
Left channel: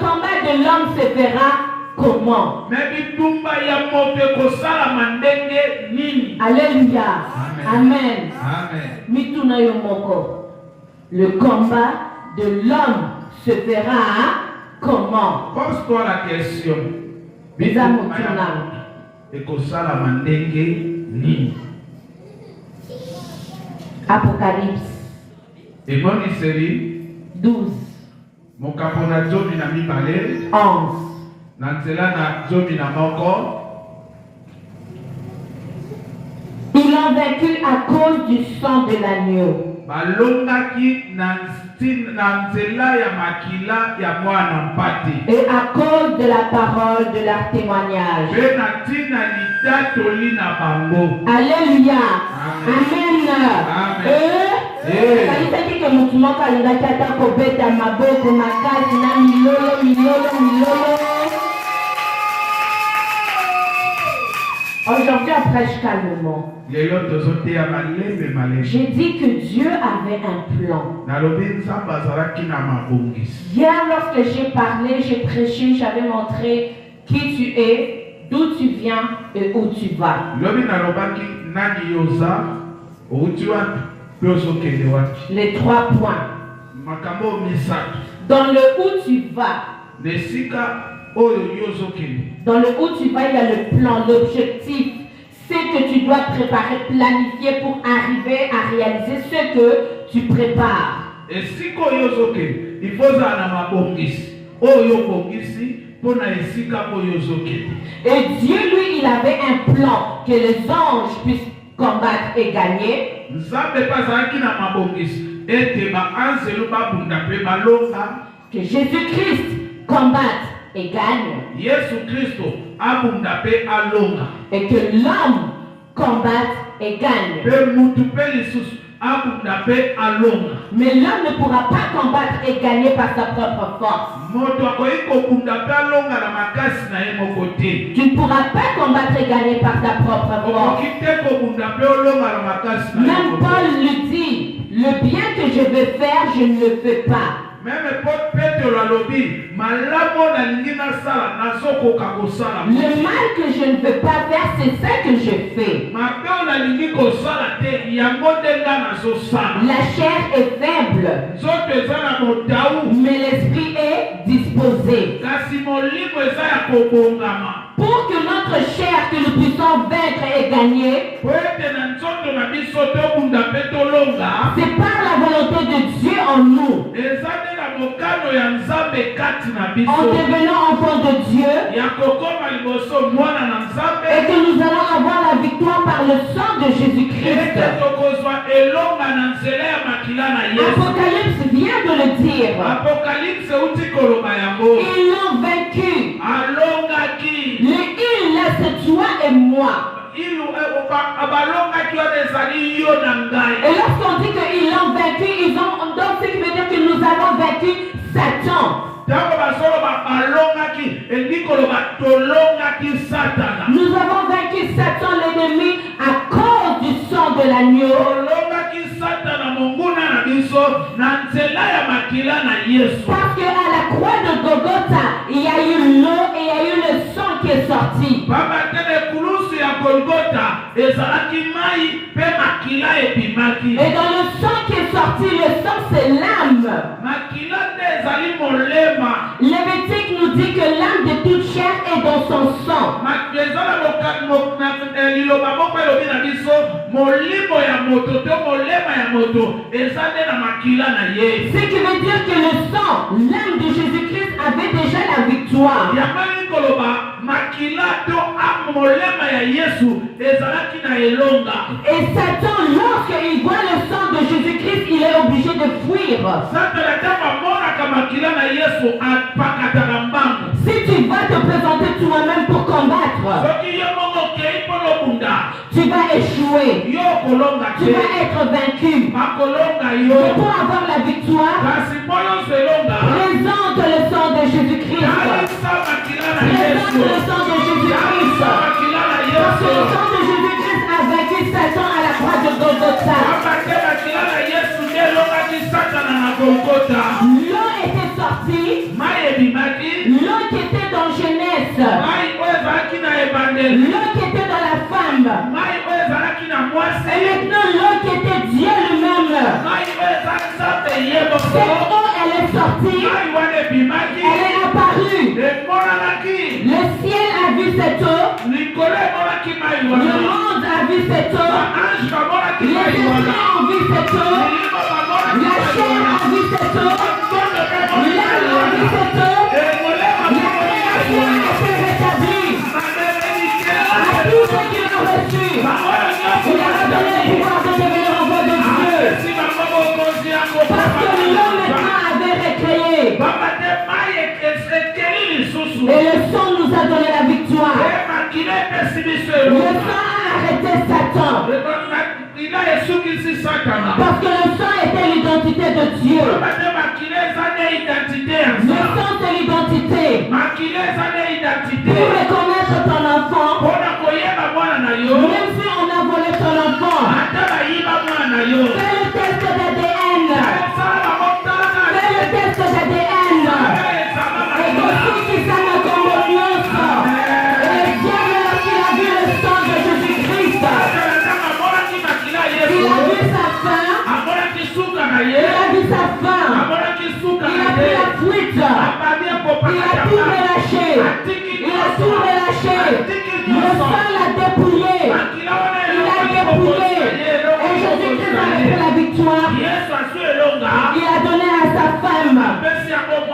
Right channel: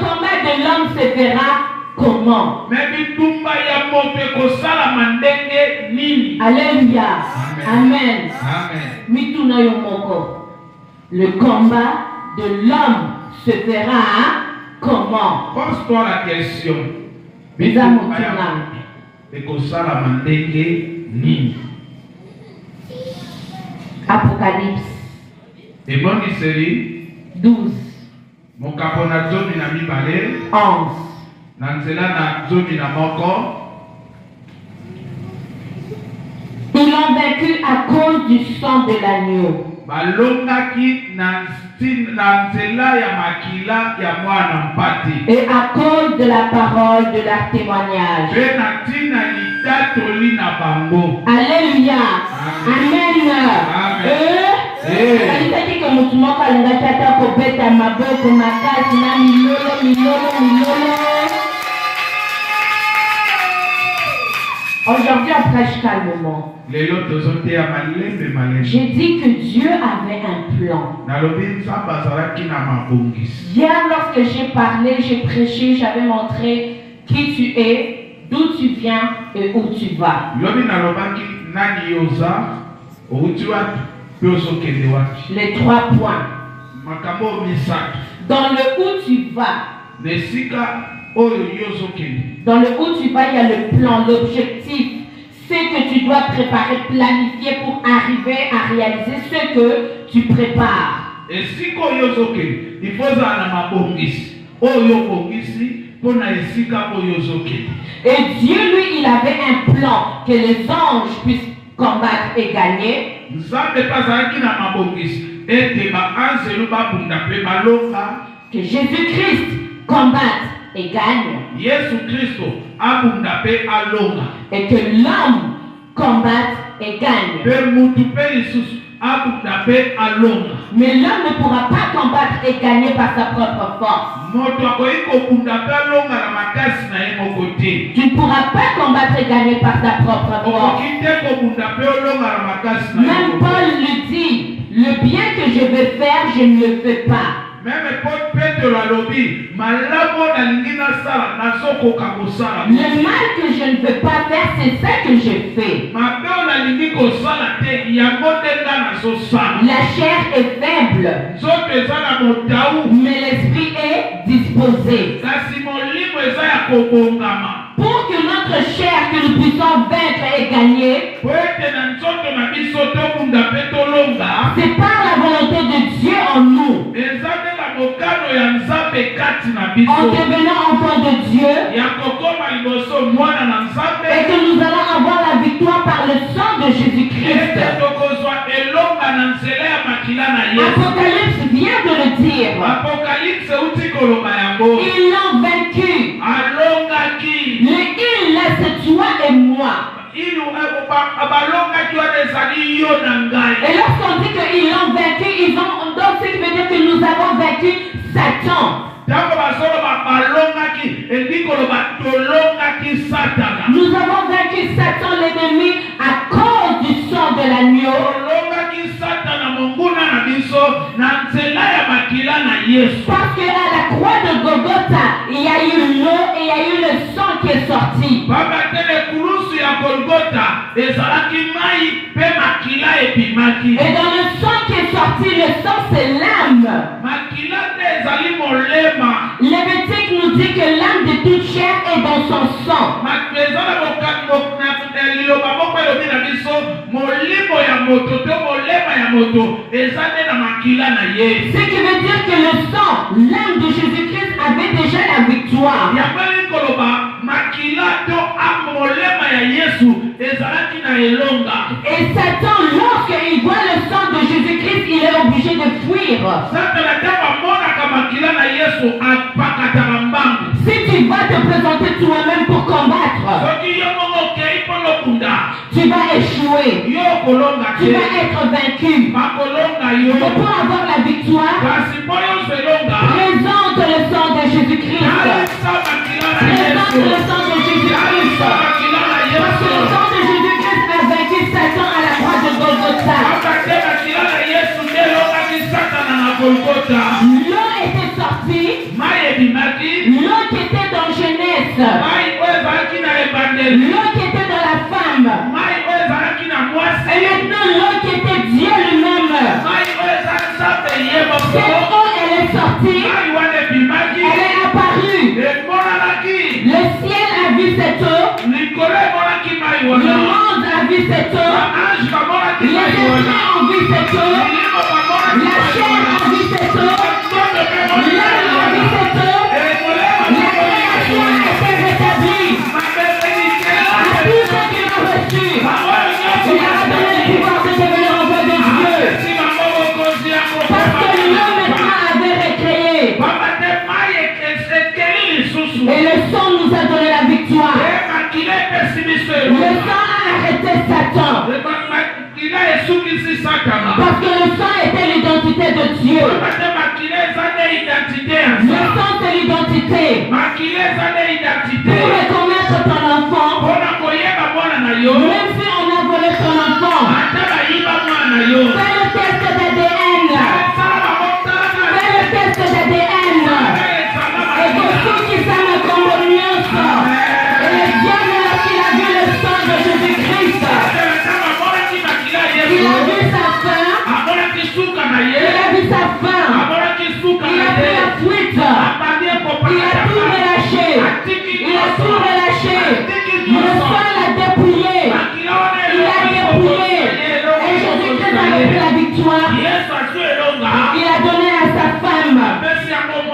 combat de l'homme se fera comment? Alléluia. Amen. Le combat de l'homme se fera comment? Pose-toi la question. Apocalypse et mon série 12 mon capona zomi na mibale 11 nanzela na zomi na moko. Ils l'ont vaincu à cause du sang de l'agneau. Balongaki nanzela ya makila ya mwana mpati. Et à cause de la parole de leur témoignage. Alléluia. Amen. Alisaki que mutumoka alingaki ata kobeta maboko makasi na milolo. Aujourd'hui on prêche calmement. J'ai dit que Dieu avait un plan. Hier lorsque j'ai parlé, j'ai prêché, j'avais montré qui tu es, d'où tu viens et où tu vas. Les 3 points. Dans le où tu vas. Dans le où tu vas, il y a le plan, l'objectif. C'est que tu dois préparer, planifier pour arriver à réaliser ce que tu prépares. Et si il faut et Dieu, lui, il avait un plan que les anges puissent combattre et gagner. Que Jésus-Christ combatte et gagne. Et que l'homme combatte et gagne. Mais l'homme ne pourra pas combattre et gagner par sa propre force. Tu ne pourras pas combattre et gagner par ta propre force. Même Paul le dit, le bien que je veux faire, je ne le fais pas. Même Paul Pétro a lobby, malamo na lingina sala, nazokoka kosala. Le mal que je ne veux pas faire, c'est ça que je fais. Mabeo na lingi kosala te, yango ndenga nazosala. La chair est faible, Nzoto eza na motaou, mais l'esprit est disposé. kasi molimo eza ya kobongama. Pour que notre chair, que nous puissions vaincre et gagner, Po ete na nzoto na biso tobunda mpe tolonga, c'est par la volonté de Dieu en nous. eza nde na mokano ya Nzambe kati na En biso. devenant enfants de Dieu, Ya kokoma liboso mwana na Nzambe, et que nous allons avoir la victoire par le sang de Jésus-Christ. ete tokozwa elonga na nzela ya makila na Yesu. Apocalypse vient de le dire. Apocalypse uti koloba yango. Ils l'ont vaincu. Alongaki. Le il, là, c'est toi et moi. Abalongaki wana ezali yo na ngai. Et lorsqu'on dit qu'ils l'ont vaincu, donc ce qui veut dire que nous avons vaincu Satan. Tango bazoloba balongaki, elingi koloba tolongaki Satana. Nous avons vaincu Satan, l'ennemi, à cause du sang de l'agneau. Tolongaki Satana monguna na biso na nzela ya makila na Yesu. Parce qu'à la croix de Golgotha, il y a eu l'eau et il y a eu le sang qui est sorti. Baba tele kulusu ya Golgotha ezalaki mai pe makila epimaki. Et dans le sang qui est sorti, le sang c'est l'âme. Makila te ezali molema. Lévitique nous dit que l'âme de toute chair est dans son sang. Ezala liloba moko elobi na biso molimo ya moto pe molema ya moto eza nde na makila na ye. Ce qui veut dire que le sang, l'âme de Jésus-Christ avait déjà la victoire. Yango koloba makila to molema ya Yesu ezalaki na elonga. Et Satan, lorsqu'il voit le sang de Jésus-Christ, il est obligé de fuir. Satana taba monaka makila na Yesu apakataka mbangu. Si tu vas te présenter toi-même pour combattre, Soki yo mongo kei polo bunda. tu vas échouer. Yo kolonga Tu te. vas être vaincu. Makolonga Mais yo. pour avoir la victoire, Kasi moyo selonga. présente le sang de Jésus-Christ. Alisa makila na Présente Yesu. le sang de Jésus-Christ. Makila na Parce que le Yesu. sang de Jésus-Christ a vaincu Satan à la croix de Golgotha. Makate makila na Yesu nelongaki Satana na Golgotha. L'eau était sortie. Mai ebimaki. L'eau qui était dans Genèse. Mai oyo ezalaki na ebandeli. L'eau qui était dans la femme. Mai oyo ezalaki na mwasi. Et maintenant l'eau qui était Dieu lui-même. Mai oyo eza Nzambe ye Cette moko. eau, elle est sortie. Mai wana ebimaki. Elle est apparue. Emonanaki. Le ciel a vu cette eau. Likolo emonaki mai Le wana. monde a vu cette eau. Ange bamonaki Les mai wana. esprits ont vu cette eau. Milimo bamonaki La mai chair wana. a vu cette eau. Nzoto mpe emonaki mai L'âme a vu wana. cette eau. Emolema La bamonaki mai création wana. a été rétablie. À tous ceux qui l'ont reçu, il leur a donné le pouvoir de devenir enfants de Dieu. Parce que l'homme maintenant avait récréé. Et le sang nous a donné la victoire. Le sang a arrêté Satan. Parce que le sang était l'identité de Dieu. Le sang c'est l'identité. Pour reconnaître ton enfant, même si on a volé ton enfant, fais le test d'ADN. Fais le test d'ADN. Et pour ceux qui savent le communion, et Dieu, lorsqu'il a vu le sang de Jésus-Christ, il a vu sa faim, il a vu sa faim, il a pris la fuite, il a tout relâché, il a tout relâché, le sang l'a dépouillé, il a dépouillé, et Jésus-Christ a pris la victoire, il a donné à sa femme,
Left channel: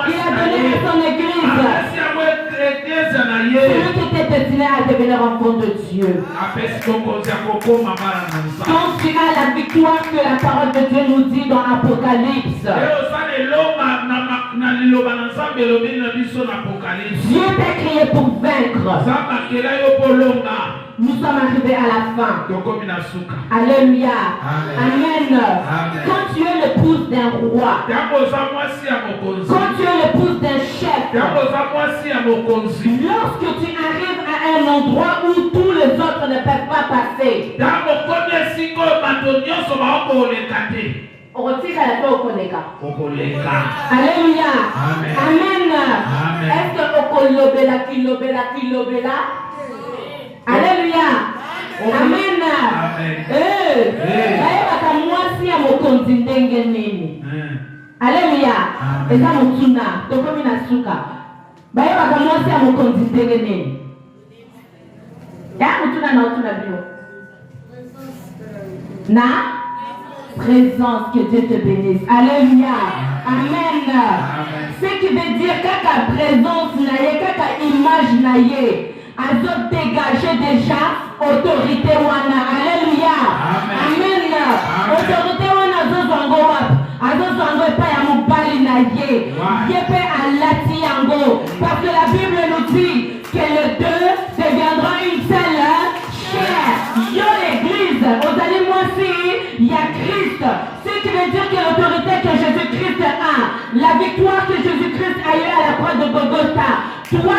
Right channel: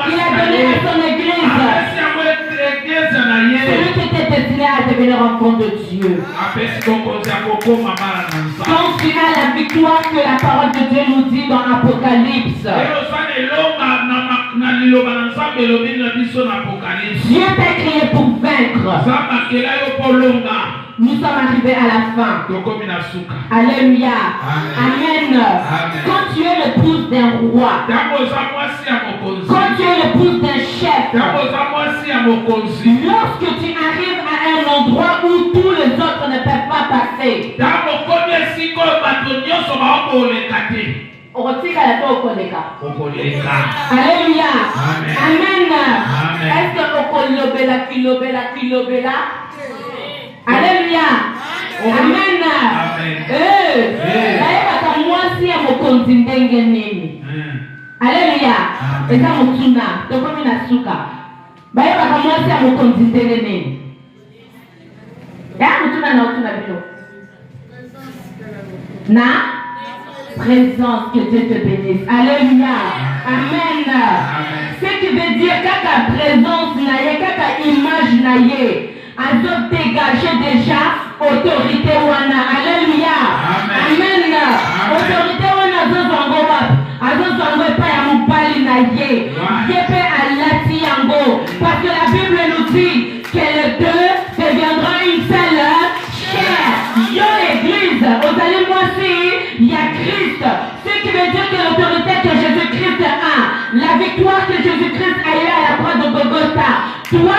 il a donné à son église, celui qui était destiné à devenir enfant de Dieu. Donc tu as la victoire que la parole de Dieu nous dit dans Apocalypse. Dieu t'a créé pour vaincre. Nous sommes arrivés à la fin. Alléluia. Amen. Quand tu es l'épouse d'un roi, quand tu es l'épouse d'un chef, lorsque tu arrives à un endroit où tous les autres ne peuvent pas passer, Alléluia. Amen. Amen. Amen. Est-ce que kilobela? Alléluia. Amen. Alléluia. Eza mutuna, tokomi na suka. Baye bakamwasi amokonzi ndenge nini? Ya mutuna na utuna bio. Na présence, que Dieu te bénisse. Alléluia. Amen. Ce qui veut dire kaka présence na ye, kaka image na ye, azo dégager déjà autorité wana. Alléluia. Amen. Autorité wana azo zango wapi? Azo zango pa ya mobali na ye. Yepe alati yango. Parce que la Bible nous dit que les deux deviendront une seule chair. Yo l'église, vous allez moi aussi, il y a Christ. Ce qui veut dire que l'autorité que Jésus-Christ a, la victoire que Jésus-Christ a eu à la croix de Golgotha, toi